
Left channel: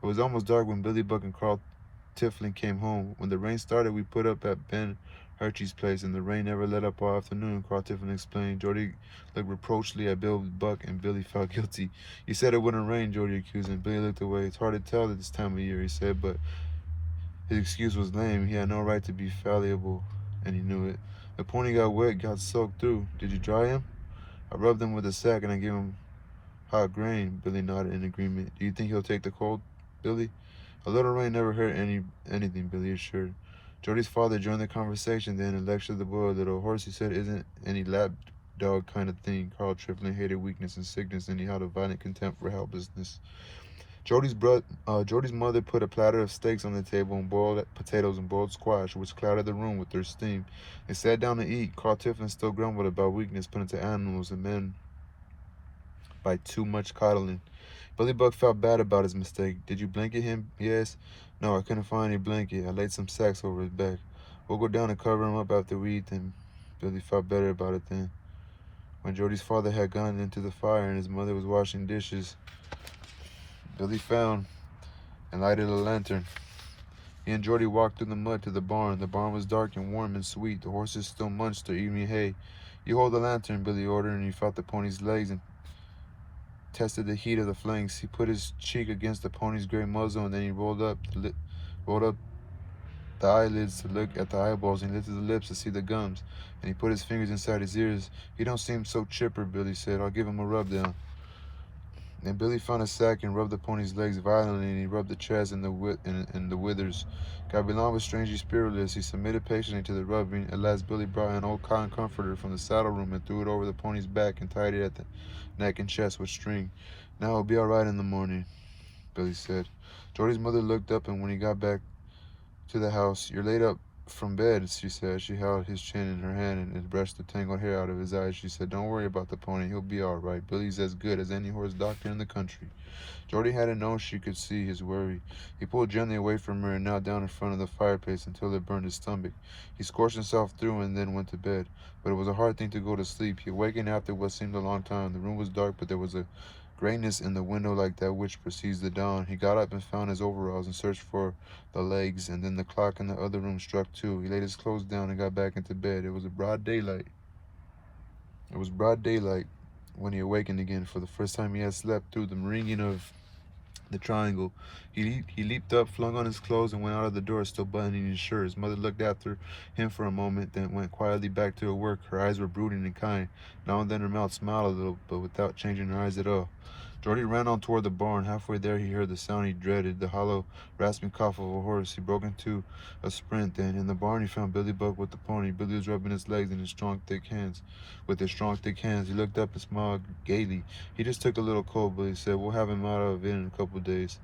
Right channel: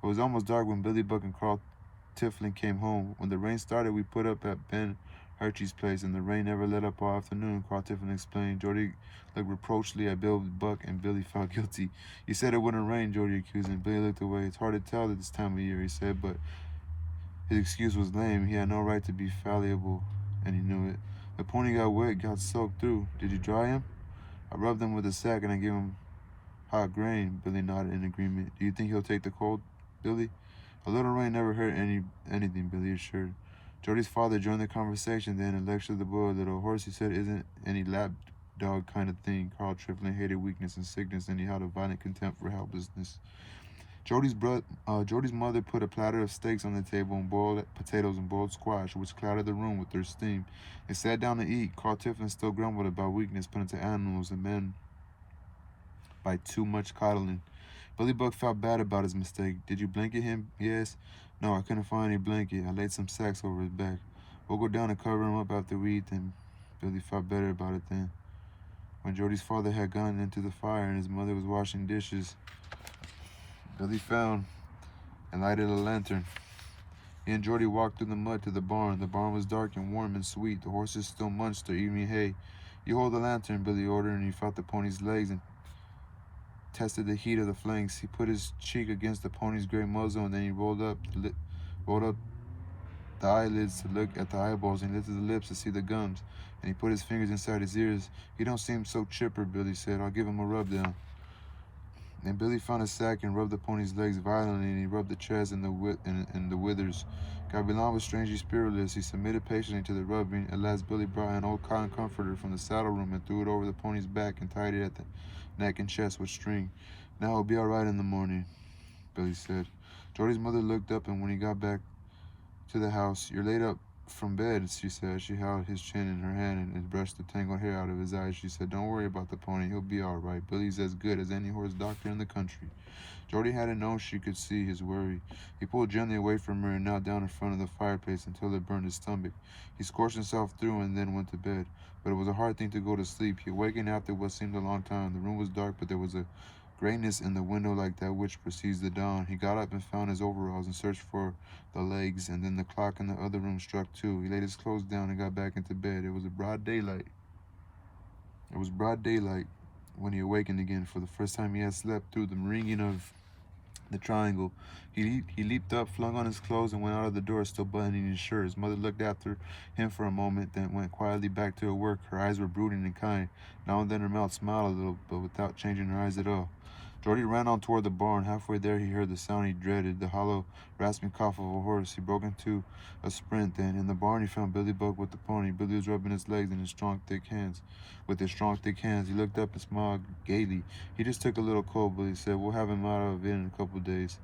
It was almost dark when Billy Buck and Carl Tiflin came home. When the rain started, we put up at Ben Hershey's place, and the rain never let up all afternoon, Carl Tiflin explained. Jordy looked reproachfully at Bill Buck, and Billy felt guilty. "You said it wouldn't rain," Jordy accused him. Billy looked away. "It's hard to tell at this time of year," he said, but his excuse was lame. He had no right to be fallible, and he knew it. "The pony got wet, got soaked through. Did you dry him?" "I rubbed him with a sack, and I gave him hot grain." Billy nodded in agreement. "Do you think he'll take the cold, Billy?" "A little rain never hurt anything," Billy assured. Jody's father joined the conversation then and lectured the boy a little. Horse, he said, isn't any lap dog kind of thing. Carl Triplin hated weakness and sickness, and he held a violent contempt for helplessness. Jody's mother put a platter of steaks on the table and boiled potatoes and boiled squash, which clouded the room with their steam. They sat down to eat. Carl Tiflin still grumbled about weakness put into animals and men by too much coddling. Billy Buck felt bad about his mistake. Did you blanket him? He asked. No, I couldn't find any blanket. I laid some sacks over his back. We'll go down and cover him up after we eat them. Billy felt better about it then. When Jody's father had gone into the fire and his mother was washing dishes, Billy found and lighted a lantern. He and Jody walked through the mud to the barn. The barn was dark and warm and sweet. The horses still munched their evening hay. You hold the lantern, Billy ordered, and he felt the pony's legs and tested the heat of the flanks. He put his cheek against the pony's gray muzzle, and then he rolled up the eyelids to look at the eyeballs, and he lifted the lips to see the gums, and he put his fingers inside his ears. He don't seem so chipper, Billy said. I'll give him a rub down. And Billy found a sack and rubbed the pony's legs violently, and he rubbed the chest and the withers. Gavilan was strangely spiritless. He submitted patiently to the rubbing. At last, Billy brought an old cotton comforter from the saddle room and threw it over the pony's back and tied it at the neck and chest with string. Now it'll be all right in the morning, Billy said. Jordy's mother looked up, and when he got back to the house, you're laid up from bed, she said. She held his chin in her hand and brushed the tangled hair out of his eyes. She said, don't worry about the pony. He'll be all right. Billy's as good as any horse doctor in the country. Jordy hadn't known she could see his worry. He pulled gently away from her and knelt down in front of the fireplace until it burned his stomach. He scorched himself through and then went to bed. But it was a hard thing to go to sleep. He awakened after what seemed a long time. The room was dark, but there was a grayness in the window like that which precedes the dawn. He got up and found his overalls and searched for the legs, and then the clock in the other room struck 2. He laid his clothes down and got back into bed. It was broad daylight when he awakened again. For the first time he had slept through the ringing of the triangle. He leaped up, flung on his clothes, and went out of the door, still buttoning his shirt. His mother looked after him for a moment, then went quietly back to her work. Her eyes were brooding and kind. Now and then her mouth smiled a little, but without changing her eyes at all. Jordy ran on toward the barn. Halfway there he heard the sound he dreaded, the hollow, rasping cough of a horse. He broke into a sprint then. In the barn he found Billy Buck with the pony. Billy was rubbing his legs in his strong, thick hands. With his strong, thick hands, he looked up and smiled gaily. He just took a little cold, Billy said. We'll have him out of it in a couple of days.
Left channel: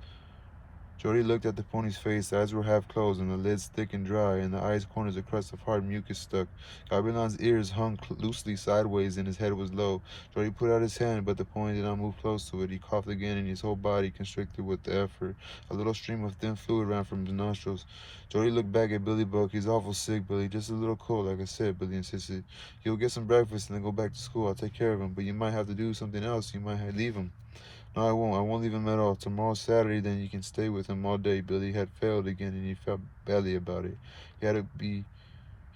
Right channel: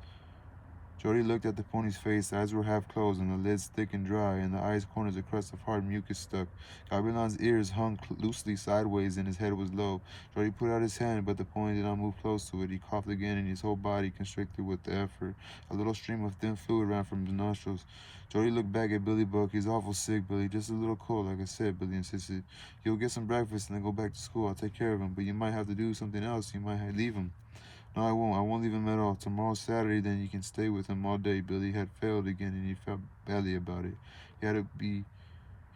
Jody looked at the pony's face. The eyes were half closed and the lids thick and dry. In the eyes corners a crust of hard mucus stuck. Gavilan's ears hung loosely sideways and his head was low. Jody put out his hand, but the pony did not move close to it. He coughed again and his whole body constricted with the effort. A little stream of thin fluid ran from his nostrils. Jody looked back at Billy Buck. He's awful sick, Billy. Just a little cold, like I said, Billy insisted. You'll get some breakfast and then go back to school. I'll take care of him, but you might have to do something else. You might leave him. No, I won't. I won't leave him at all. Tomorrow's Saturday, then you can stay with him all day. Billy had failed again, and he felt badly about it. He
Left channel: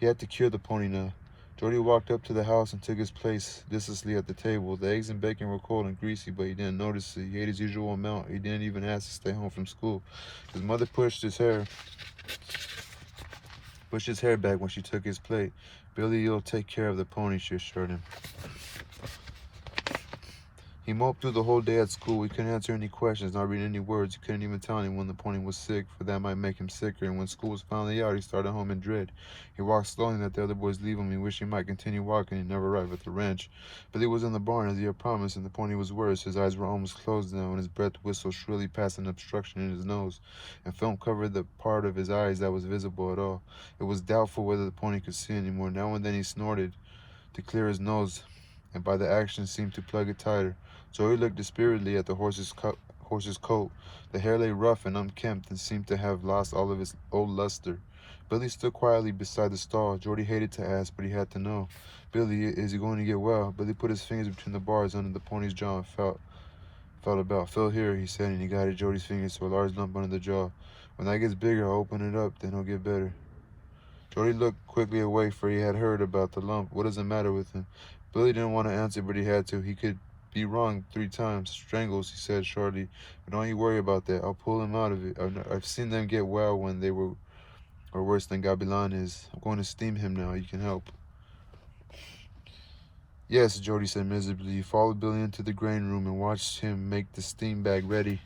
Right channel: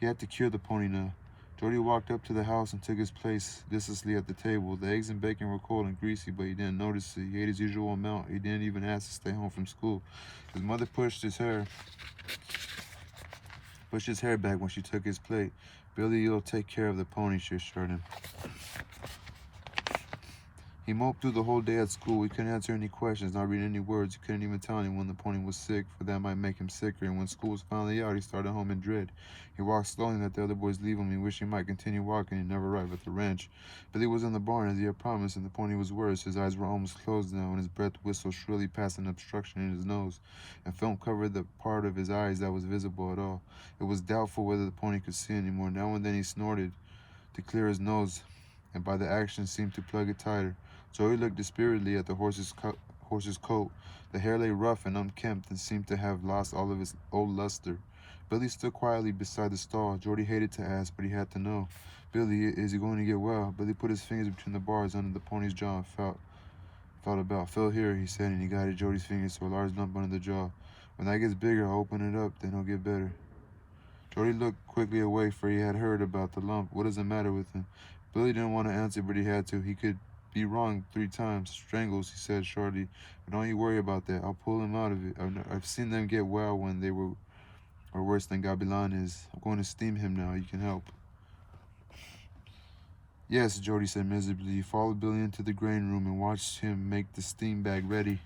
had to cure the pony now. Jody walked up to the house and took his place listlessly at the table. The eggs and bacon were cold and greasy, but he didn't notice it. He ate his usual amount. He didn't even ask to stay home from school. His mother pushed his hair back when she took his plate. Billy, you'll take care of the pony, she assured him. He moped through the whole day at school. He couldn't answer any questions, not read any words. He couldn't even tell anyone the pony was sick, for that might make him sicker. And when school was finally out, he started home in dread. He walked slowly and let the other boys leave him. He wished he might continue walking and never arrive at the ranch. Billy was in the barn as he had promised, and the pony was worse. His eyes were almost closed now, and his breath whistled shrilly past an obstruction in his nose, and film covered the part of his eyes that was visible at all. It was doubtful whether the pony could see anymore. Now and then he snorted to clear his nose, and by the action seemed to plug it tighter. Joey looked dispiritedly at the horse's coat. The hair lay rough and unkempt and seemed to have lost all of its old luster. Billy stood quietly beside the stall. Jordy hated to ask, but he had to know. Billy, is he going to get well? Billy put his fingers between the bars under the pony's jaw and felt about. Feel here, he said, and he guided Jody's fingers to a large lump under the jaw. When that gets bigger, I'll open it up, then he'll get better. Jody looked quickly away, for he had heard about the lump. What does the matter with him? Billy didn't want to answer, but he had to. He could be wrong 3 times. Strangles, he said shortly. But don't you worry about that. I'll pull him out of it. I've seen them get well when they were worse than Gavilan is. I'm going to steam him now. You can help. Yes, Jody said miserably. He followed Billy into the grain room and watched him make the steam bag ready.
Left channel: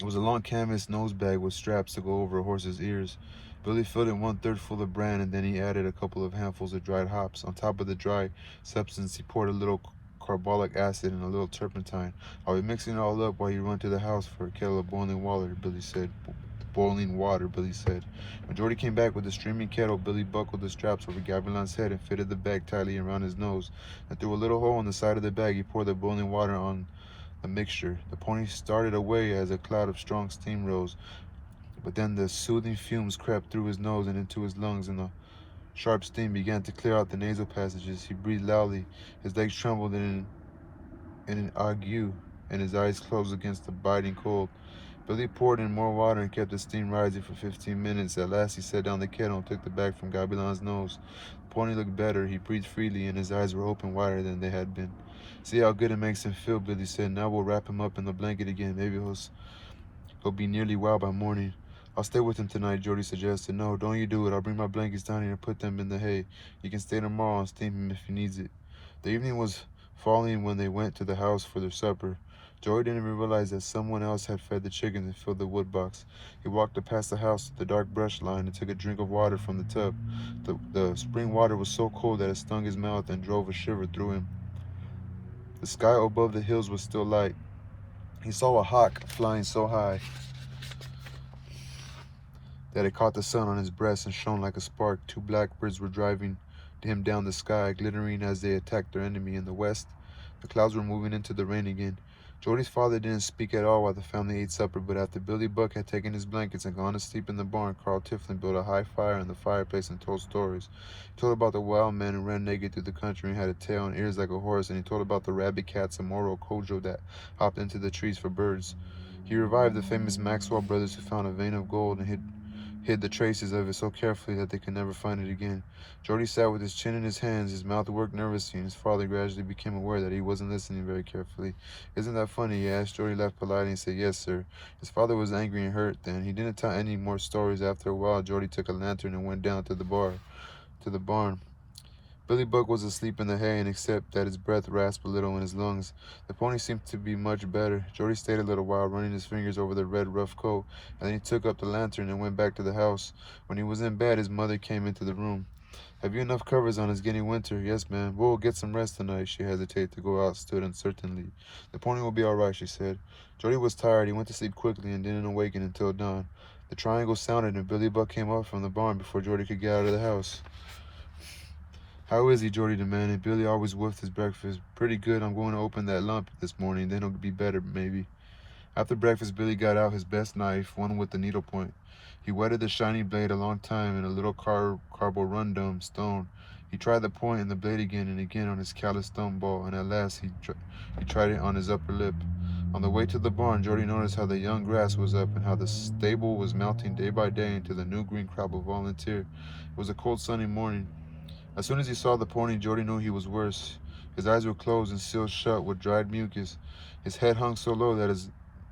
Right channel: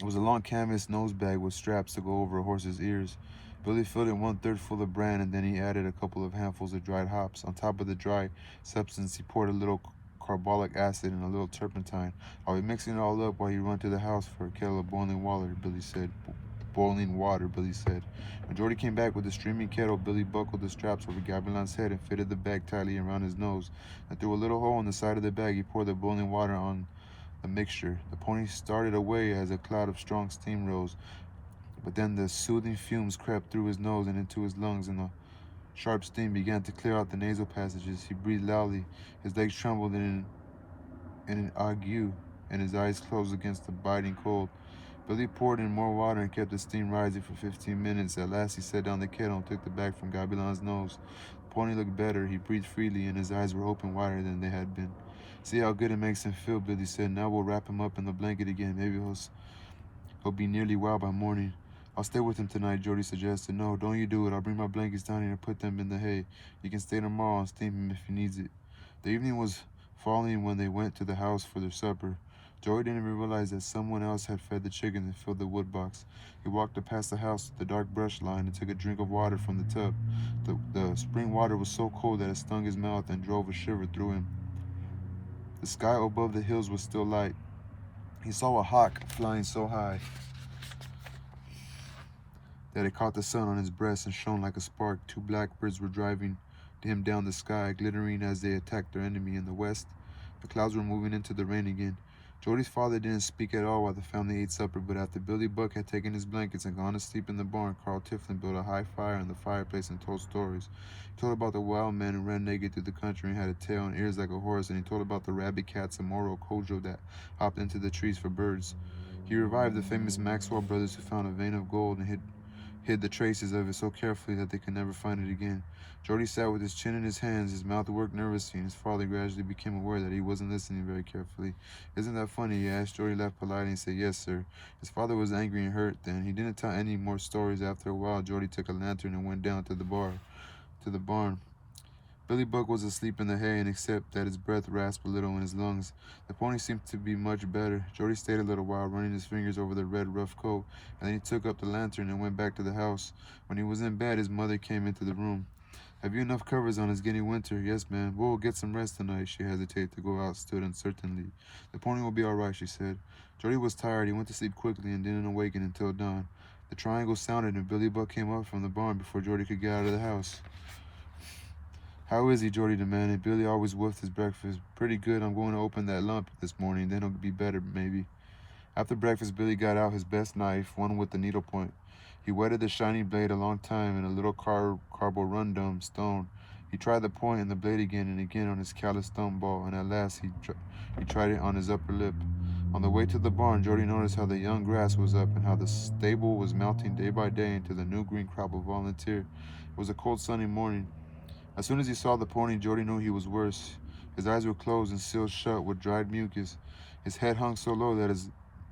It was a long canvas nose bag with straps to go over a horse's ears. Billy filled it 1/3 full of bran, and then he added a couple of handfuls of dried hops. On top of the dry substance, he poured a little carbolic acid and a little turpentine. "I'll be mixing it all up while you run to the house for a kettle of boiling water," Billy said. "Boiling water," Billy said. When Jordy came back with the steaming kettle, Billy buckled the straps over Gavilan's head and fitted the bag tightly around his nose. And through a little hole in the side of the bag, he poured the boiling water on the mixture. The pony started away as a cloud of strong steam rose, but then the soothing fumes crept through his nose and into his lungs, and the sharp steam began to clear out the nasal passages. He breathed loudly. His legs trembled in an ague, and his eyes closed against the biting cold. Billy poured in more water and kept the steam rising for 15 minutes. At last he set down the kettle and took the bag from Gabilan's nose. The pony looked better. He breathed freely, and his eyes were open wider than they had been. "See how good it makes him feel," Billy said. "Now we'll wrap him up in the blanket again. Maybe he'll be nearly well by morning." "I'll stay with him tonight," Jordy suggested. "No, don't you do it. I'll bring my blankets down here and put them in the hay. You can stay tomorrow and steam him if he needs it." The evening was falling when they went to the house for their supper. Jordy didn't even realize that someone else had fed the chickens and filled the wood box. He walked up past the house to the dark brush line and took a drink of water from the tub. The spring water was so cold that it stung his mouth and drove a shiver through him. The sky above the hills was still light. He saw a hawk flying so high that it caught the sun on his breast and shone like a spark. Two blackbirds were driving him down the sky, glittering as they attacked their enemy in the west. The clouds were moving into the rain again. Jordy's father didn't speak at all while the family ate supper, but after Billy Buck had taken his blankets and gone to sleep in the barn, Carl Tiflin built a high fire in the fireplace and told stories. He told about the wild man who ran naked through the country and had a tail and ears like a horse, and he told about the rabid cats of Moro Kojo that hopped into the trees for birds. He revived the famous Maxwell brothers who found a vein of gold and hid the traces of it so carefully that they could never find it again. Jordy sat with his chin in his hands, his mouth worked nervously, and his father gradually became aware that he wasn't listening very carefully. "Isn't that funny?" he asked. Jordy laughed politely and said, "Yes, sir." His father was angry and hurt then. He didn't tell any more stories. After a while, Jordy took a lantern and went down to the barn. Billy Buck was asleep in the hay, and except that his breath rasped a little in his lungs, the pony seemed to be much better. Jordy stayed a little while, running his fingers over the red, rough coat, and then he took up the lantern and went back to the house. When he was in bed, his mother came into the room. "Have you enough covers on? It's getting winter." "Yes, ma'am." "We'll get some rest tonight." She hesitated to go out, stood uncertainly. "The pony will be all right," she said. Jordy was tired. He went to sleep quickly and didn't awaken until dawn. The triangle sounded, and Billy Buck came up from the barn before Jordy could get out of the house. "How is he?" Jordy demanded. Billy always wolfed his breakfast. "Pretty good. I'm going to open that lump this morning. Then he'll be better, maybe." After breakfast, Billy got out his best knife, one with the needle point. He whetted the shiny blade a long time in a little carborundum stone. He tried the point and the blade again and again on his calloused thumb ball, and at last he tried it on his upper lip. On the way to the barn, Jordy noticed how the young grass was up and how the stable was melting day by day into the new green crop of volunteer. It was a cold, sunny morning. As soon as he saw the pony, Jordy knew he was worse. His eyes were closed and sealed shut with dried mucus. His head hung so low that his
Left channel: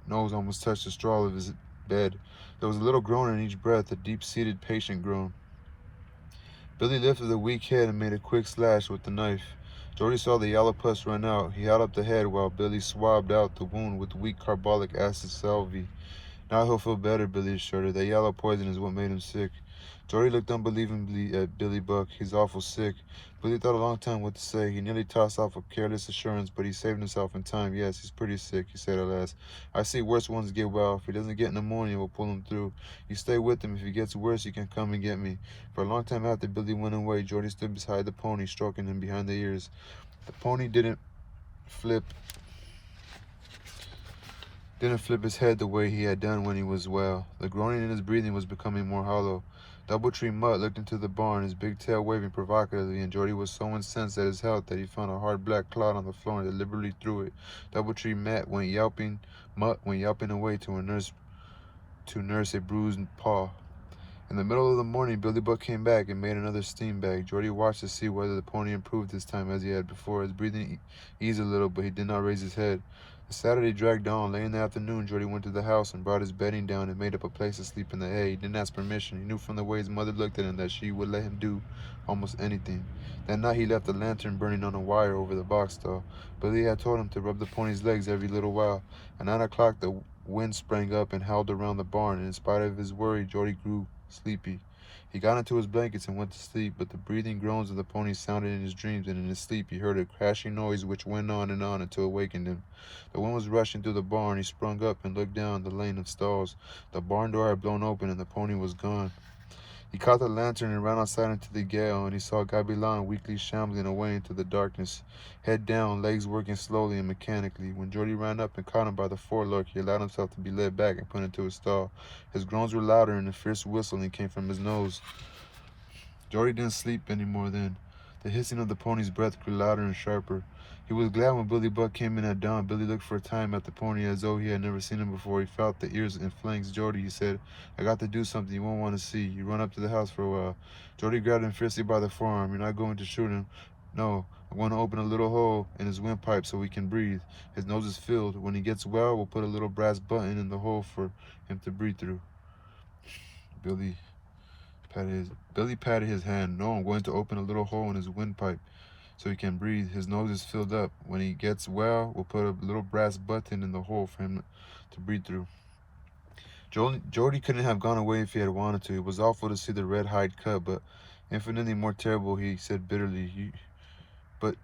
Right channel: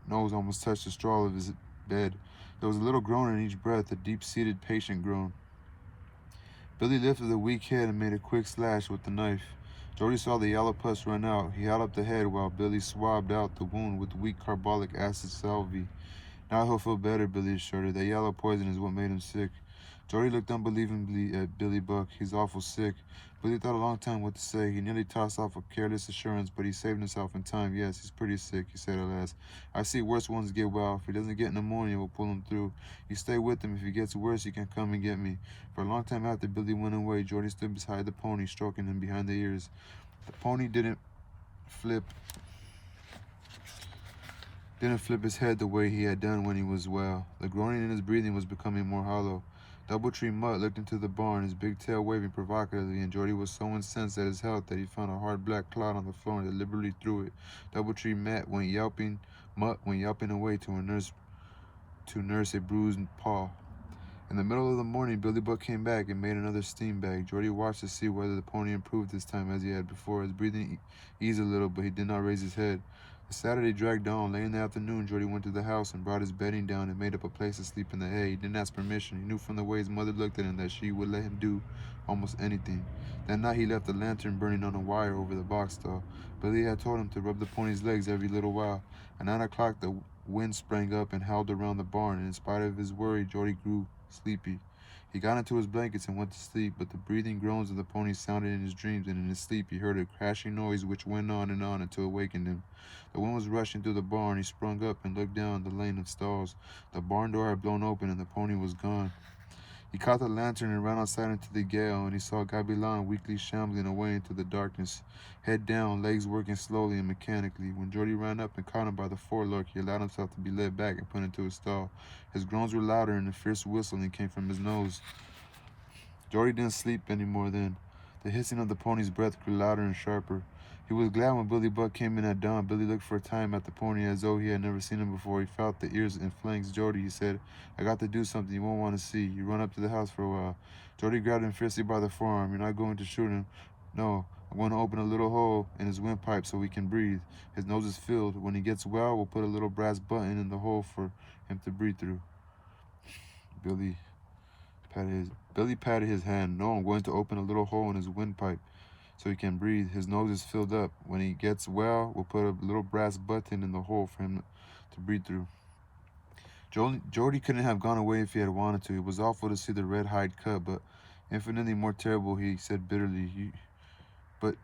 nose almost touched the straw of his bed. There was a little groan in each breath, a deep-seated, patient groan. Billy lifted the weak head and made a quick slash with the knife. Jordy saw the yellow pus run out. He held up the head while Billy swabbed out the wound with weak carbolic acid salve. "Now he'll feel better," Billy assured her. "That yellow poison is what made him sick." Jordy looked unbelievingly at Billy Buck. "He's awful sick." Billy thought a long time what to say. He nearly tossed off a careless assurance, but he saved himself in time. "Yes, he's pretty sick," he said at last. "I see worse ones get well. If he doesn't get pneumonia, we'll pull him through. You stay with him. If he gets worse, you can come and get me." For a long time after Billy went away, Jordy stood beside the pony, stroking him behind the ears. The pony flip didn't flip his head the way he had done when he was well. The groaning in his breathing was becoming more hollow. Doubletree Mutt looked into the barn, his big tail waving provocatively, and Jordy was so incensed at his health that he found a hard black cloud on the floor and deliberately threw it. Doubletree Mutt went yelping away to nurse a bruised paw. In the middle of the morning, Billy Buck came back and made another steam bag. Jordy watched to see whether the pony improved this time as he had before. His breathing eased a little, but he did not raise his head. The Saturday dragged on. Late in the afternoon, Jordy went to the house and brought his bedding down and made up a place to sleep in the hay. He didn't ask permission. He knew from the way his mother looked at him that she would let him do almost anything. That night, he left the lantern burning on a wire over the box stall. Billy had told him to rub the pony's legs every little while. At 9 o'clock, the wind sprang up and howled around the barn, and in spite of his worry, Jody grew sleepy. He got into his blankets and went to sleep, but the breathing groans of the pony sounded in his dreams, and in his sleep he heard a crashing noise which went on and on until it awakened him. The wind was rushing through the barn. He sprung up and looked down the lane of stalls. The barn door had blown open, and the pony was gone. He caught the lantern and ran outside into the gale, and he saw Gabilan weakly shambling away into the darkness, head down, legs working slowly and mechanically. When Jordy ran up and caught him by the forelock, he allowed himself to be led back and put into a stall. His groans were louder, and a fierce whistling came from his nose. Jordy didn't sleep any more then. The hissing of the pony's breath grew louder and sharper. He was glad when Billy Buck came in at dawn. Billy looked for a time at the pony as though he had never seen him before. He felt the ears and flanks. Jordy, he said, I got to do something you won't want to see. You run up to the house for a while. Jordy grabbed him fiercely by the forearm. You're not going to shoot him. No, I'm going to open a little hole in his windpipe so he can breathe. His nose is filled. When he gets well, we'll put a little brass button in the hole for him to breathe through. Billy patted his hand. No, I'm going to open a little hole in his windpipe so he can breathe. His nose is filled up. When he gets well, we'll put a little brass button in the hole for him to breathe through. Jody couldn't have gone away if he had wanted to. It was awful to see the red hide cut, but infinitely more terrible, he said bitterly. But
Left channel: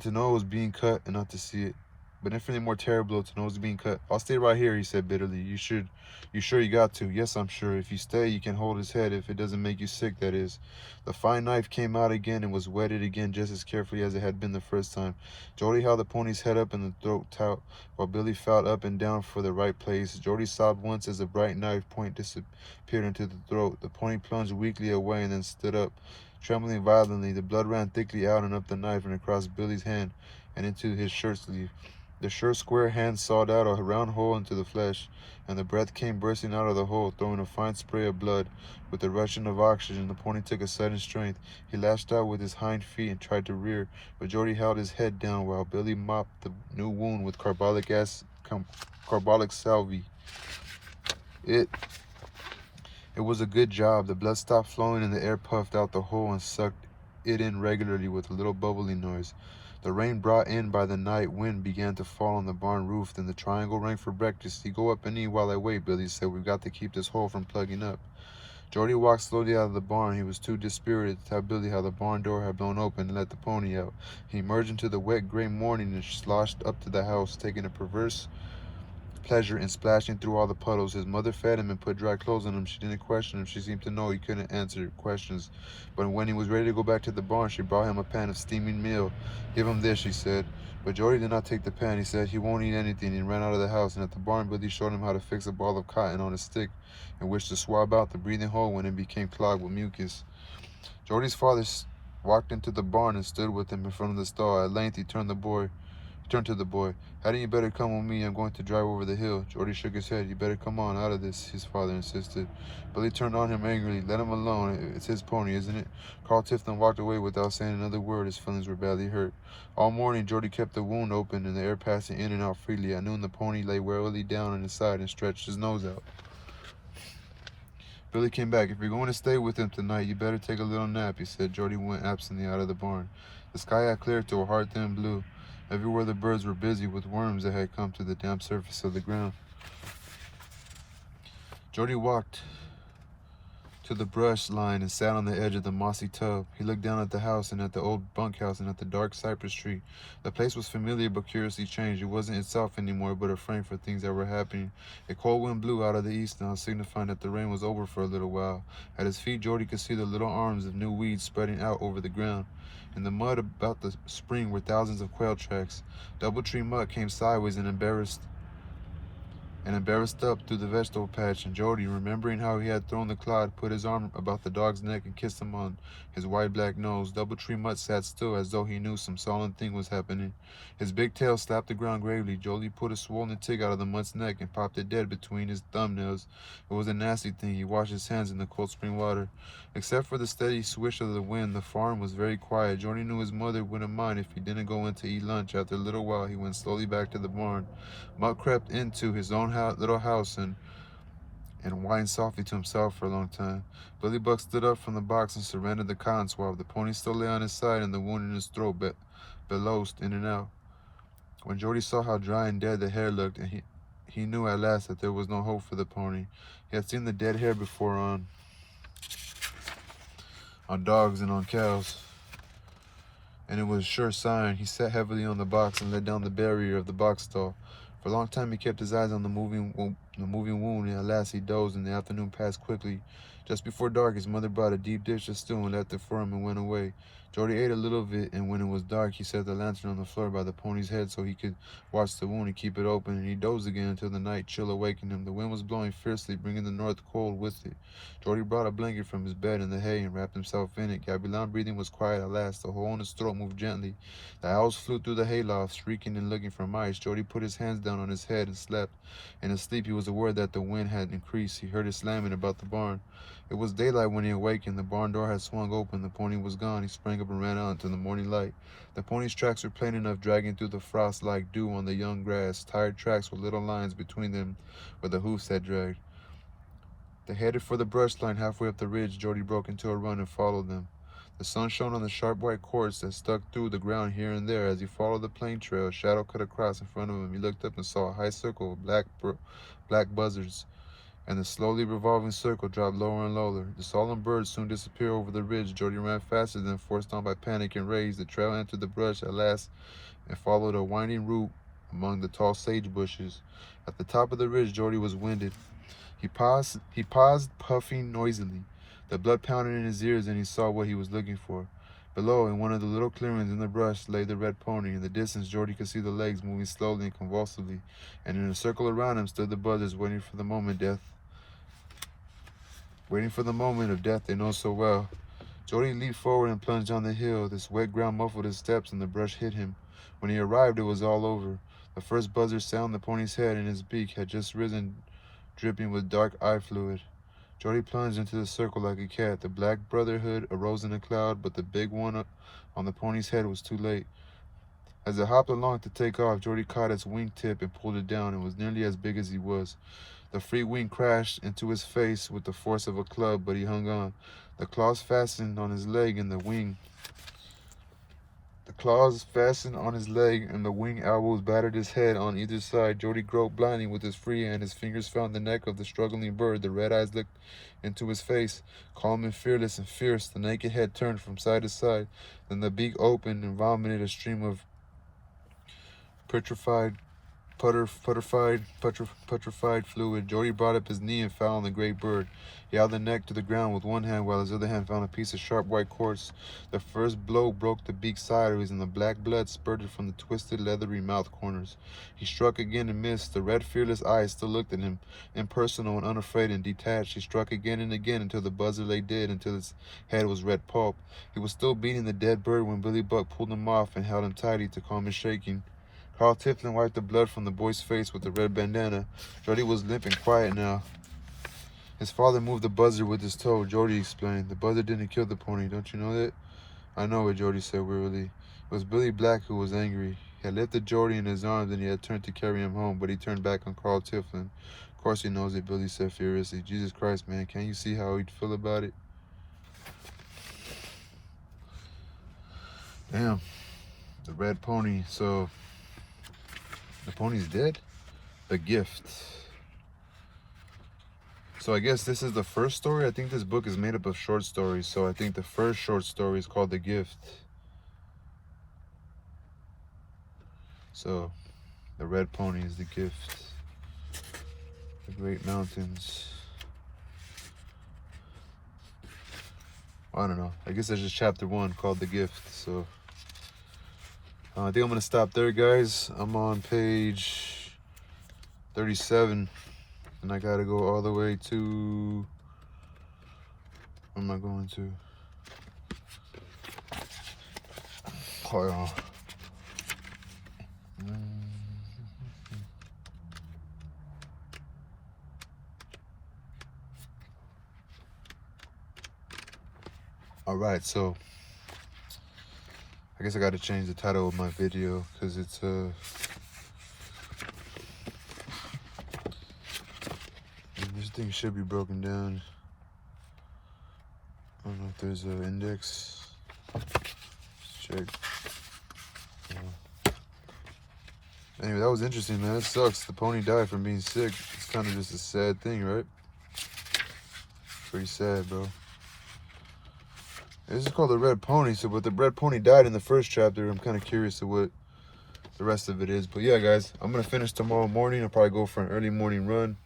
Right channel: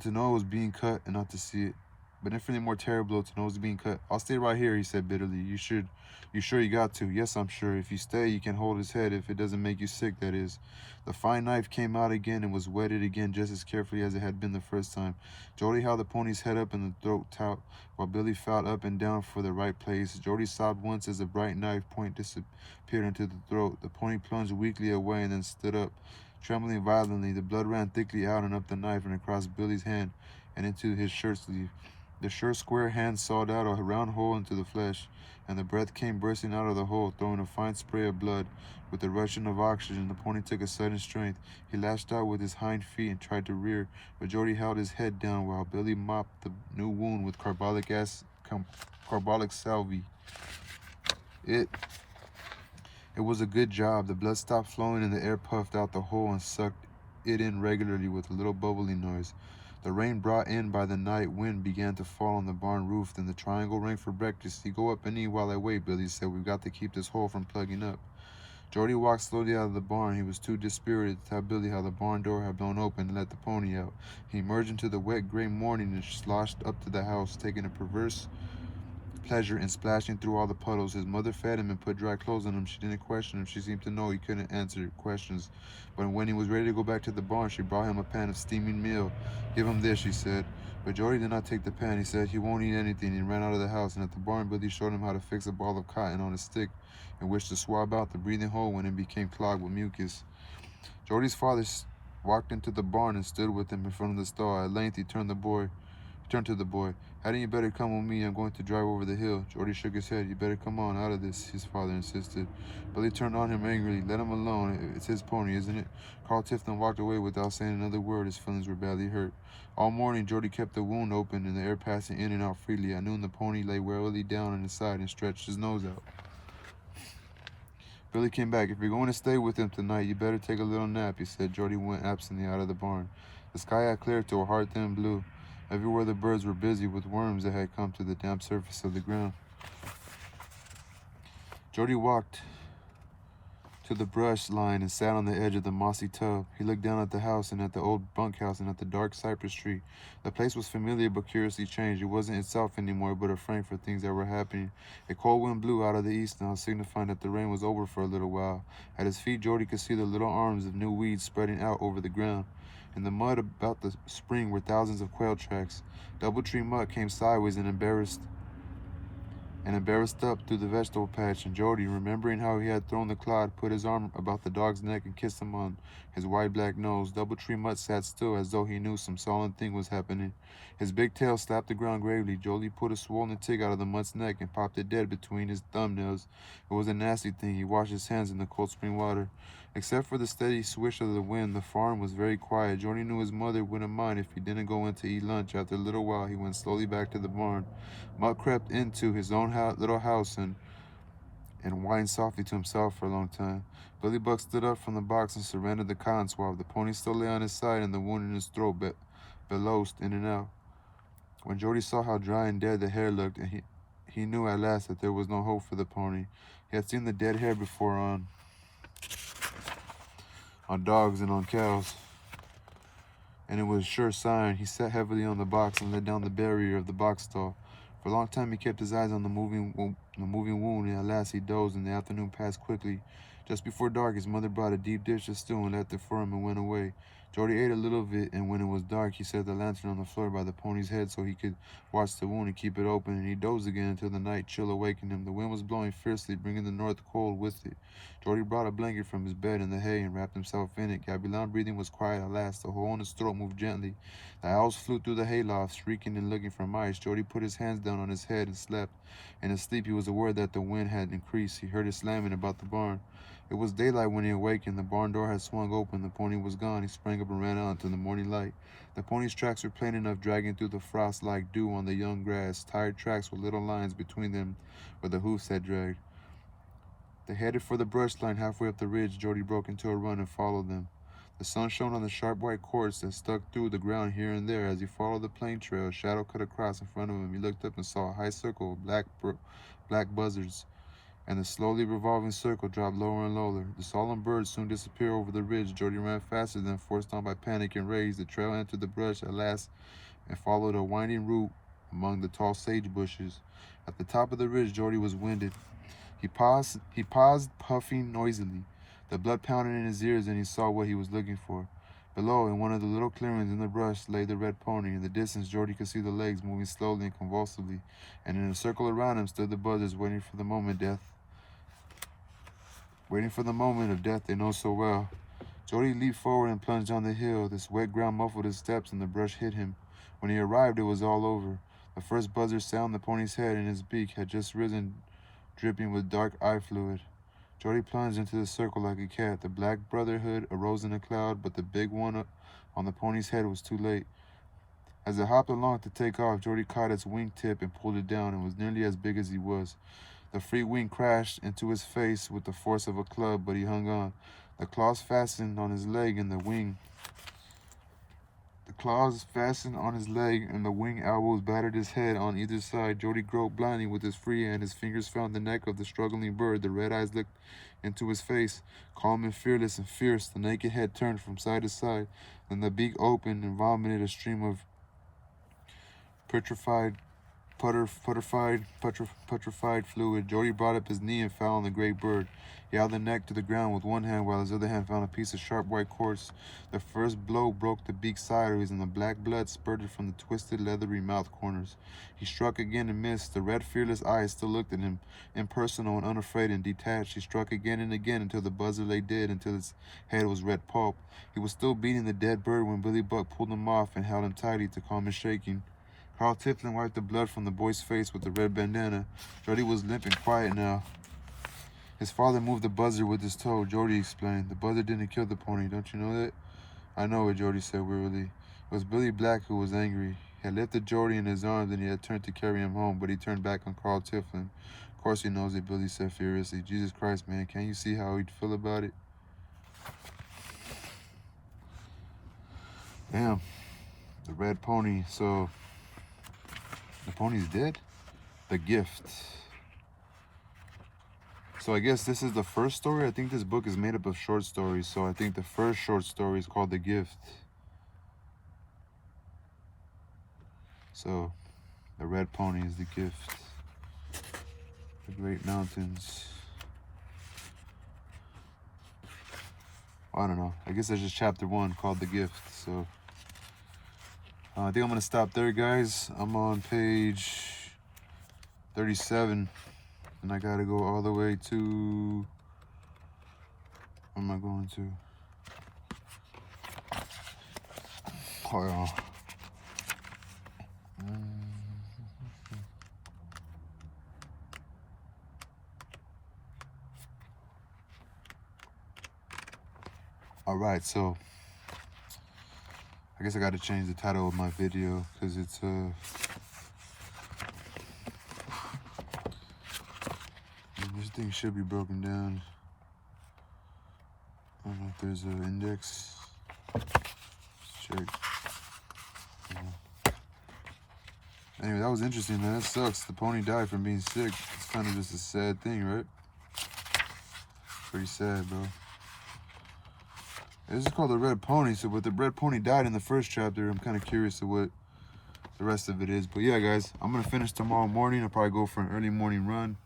to know it was being cut and not to see it. But infinitely more terrible to know it was being cut. I'll stay right here, he said bitterly. You sure you got to? Yes, I'm sure. If you stay, you can hold his head if it doesn't make you sick, that is. The fine knife came out again and was whetted again just as carefully as it had been the first time. Jody held the pony's head up in the throat taut while Billy felt up and down for the right place. Jody sobbed once as the bright knife point disappeared into the throat. The pony plunged weakly away and then stood up, trembling violently. The blood ran thickly out and up the knife and across Billy's hand and into his shirt sleeve. The short, square hand sawed out a round hole into the flesh, and the breath came bursting out of the hole, throwing a fine spray of blood. With the rushing of oxygen, the pony took a sudden strength. He lashed out with his hind feet and tried to rear, but Jody held his head down while Billy mopped the new wound with carbolic salve. It was a good job. The blood stopped flowing and the air puffed out the hole and sucked it in regularly with a little bubbling noise. The rain brought in by the night wind began to fall on the barn roof. Then the triangle rang for breakfast. You go up and eat while I wait, Billy said. We've got to keep this hole from plugging up. Jordy walked slowly out of the barn. He was too dispirited to tell Billy how the barn door had blown open and let the pony out. He emerged into the wet gray morning and sloshed up to the house, taking a perverse pleasure in splashing through all the puddles. His mother fed him and put dry clothes on him. She didn't question him. She seemed to know he couldn't answer questions. But when he was ready to go back to the barn, she brought him a pan of steaming meal. Give him this, she said. But Jordy did not take the pan. He said he won't eat anything and ran out of the house. And at the barn, Billy showed him how to fix a ball of cotton on a stick in which to swab out the breathing hole when it became clogged with mucus. Jordy's father walked into the barn and stood with him in front of the stall. At length, he turned to the boy. Hadn't you better come with me? I'm going to drive over the hill. Jordy shook his head. You better come on out of this, his father insisted. Billy turned on him angrily. Let him alone. It's his pony, isn't it? Carl Tifton walked away without saying another word. His feelings were badly hurt. All morning, Jordy kept the wound open and the air passing in and out freely. At noon, the pony lay wearily down on his side and stretched his nose out. Billy came back. If you're going to stay with him tonight, you better take a little nap, he said. Jordy went absently out of the barn. The sky had cleared to a hard thin blue. Everywhere the birds were busy with worms that had come to the damp surface of the ground. Jordy walked to the brush line and sat on the edge of the mossy tub. He looked down at the house and at the old bunkhouse and at the dark cypress tree. The place was familiar but curiously changed. It wasn't itself anymore but a frame for things that were happening. A cold wind blew out of the east now, signifying that the rain was over for a little while. At his feet, Jordy could see the little arms of new weeds spreading out over the ground. In the mud about the spring were thousands of quail tracks. Doubletree mutt came sideways and embarrassed up through the vegetable patch, and Jordy, remembering how he had thrown the clod, put his arm about the dog's neck and kissed him on his wide black nose. Doubletree mutt sat still as though he knew some solemn thing was happening. His big tail slapped the ground gravely. Jordy pulled a swollen tick out of the mutt's neck and popped it dead between his thumbnails. It was a nasty thing. He washed his hands in the cold spring water. Except for the steady swish of the wind, the farm was very quiet. Jordy knew his mother wouldn't mind if he didn't go in to eat lunch. After a little while, he went slowly back to the barn. Mutt crept into his own little house and whined softly to himself for a long time. Billy Buck stood up from the box and surrendered the cotton swab. The pony still lay on his side and the wound in his throat bellowed in and out. When Jordy saw how dry and dead the hair looked, he knew at last that there was no hope for the pony. He had seen the dead hair before on dogs and on cows, and it was a sure sign. He sat heavily on the box and let down the barrier of the box stall. For a long time he kept his eyes on the moving wound, and at last he dozed, and the afternoon passed quickly. Just before dark, his mother brought a deep dish of stew and left it for him and went away. Jordy ate a little of it, and when it was dark, he set the lantern on the floor by the pony's head so he could watch the wound and keep it open, and he dozed again until the night chill awakened him. The wind was blowing fiercely, bringing the north cold with it. Jordy brought a blanket from his bed in the hay and wrapped himself in it. Gabilan's breathing was quiet at last. The hole in his throat moved gently. The owls flew through the hayloft, shrieking and looking for mice. Jordy put his hands down on his head and slept. In his sleep, he was aware that the wind had increased. He heard it slamming about the barn. It was daylight when he awakened. The barn door had swung open. The pony was gone. He sprang up and ran out into the morning light. The pony's tracks were plain enough, dragging through the frost like dew on the young grass. Tired tracks with little lines between them where the hoofs had dragged. They headed for the brush line halfway up the ridge. Jordy broke into a run and followed them. The sun shone on the sharp white cords that stuck through the ground here and there. As he followed the plain trail, a shadow cut across in front of him. He looked up and saw a high circle of black buzzards, and the slowly revolving circle dropped lower and lower. The solemn birds soon disappeared over the ridge. Jordy ran faster than forced on by panic and rage. The trail entered the brush at last and followed a winding route among the tall sage bushes. At the top of the ridge, Jordy was winded. He paused, puffing noisily. The blood pounded in his ears, and he saw what he was looking for. Below, in one of the little clearings in the brush, lay the red pony. In the distance, Jordy could see the legs moving slowly and convulsively, and in a circle around him stood the buzzards, waiting for the moment of death they know so well. Jordy leaped forward and plunged down the hill. This wet ground muffled his steps, and the brush hid him. When he arrived, it was all over. The first buzzard sat on the pony's head, and his beak had just risen, dripping with dark eye fluid. Jordy plunged into the circle like a cat. The Black Brotherhood arose in a cloud, but the big one on the pony's head was too late. As it hopped along to take off, Jordy caught its wing tip and pulled it down. It was nearly as big as he was. The free wing crashed into his face with the force of a club, but he hung on. The claws fastened on his leg, and the wing elbows battered his head on either side. Jordy groped blindly with his free hand. His fingers found the neck of the struggling bird. The red eyes looked into his face, calm and fearless and fierce. The naked head turned from side to side. Then the beak opened and vomited a stream of putrefied fluid. Jordy brought up his knee and fell on the great bird. He held the neck to the ground with one hand, while his other hand found a piece of sharp white quartz. The first blow broke the beak sideways, and the black blood spurted from the twisted, leathery mouth corners. He struck again and missed. The red, fearless eyes still looked at him, impersonal and unafraid and detached. He struck again and again until the buzzard lay dead, until its head was red pulp. He was still beating the dead bird when Billy Buck pulled him off and held him tightly to calm his shaking. Carl Tiflin wiped the blood from the boy's face with the red bandana. Jordy was limp and quiet now. His father moved the buzzard with his toe. Jordy explained, "The buzzard didn't kill the pony, don't you know that?" "I know it," Jordy said wearily. It was Billy Black who was angry. He had lifted Jordy in his arms and he had turned to carry him home, but he turned back on Carl Tiflin. "Of course he knows it," Billy said furiously. "Jesus Christ, man, can't you see how he'd feel about it?" Damn. The red pony. So the pony's dead? The gift. So I guess this is the first story. I think this book is made up of short stories. So I think the first short story is called The Gift. So the red pony is the gift. The great mountains. I don't know. I guess that's just chapter 1 called The Gift. So I think I'm going to stop there, guys. I'm on page 37. And I gotta go all the way to, where am I going to? Oh, all right, so I guess I gotta change the title of my video because it's this thing should be broken down. I don't know if there's an index. Let's check. Anyway, that was interesting, man. It sucks. The pony died from being sick. It's kind of just a sad thing, right? Pretty sad, bro. This is called the Red Pony. So, but the Red Pony died in the first chapter. I'm kind of curious to what the rest of it is. But yeah, guys, I'm gonna finish tomorrow morning. I'll probably go for an early morning run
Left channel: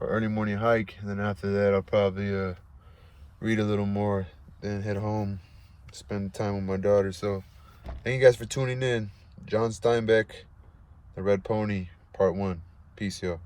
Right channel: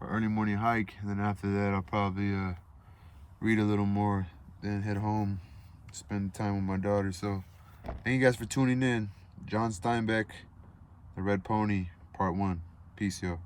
or early morning hike, and then after that, I'll probably read a little more, then head home, spend time with my daughter. So, thank you guys for tuning in. John Steinbeck, The Red Pony, Part 1. Peace, y'all.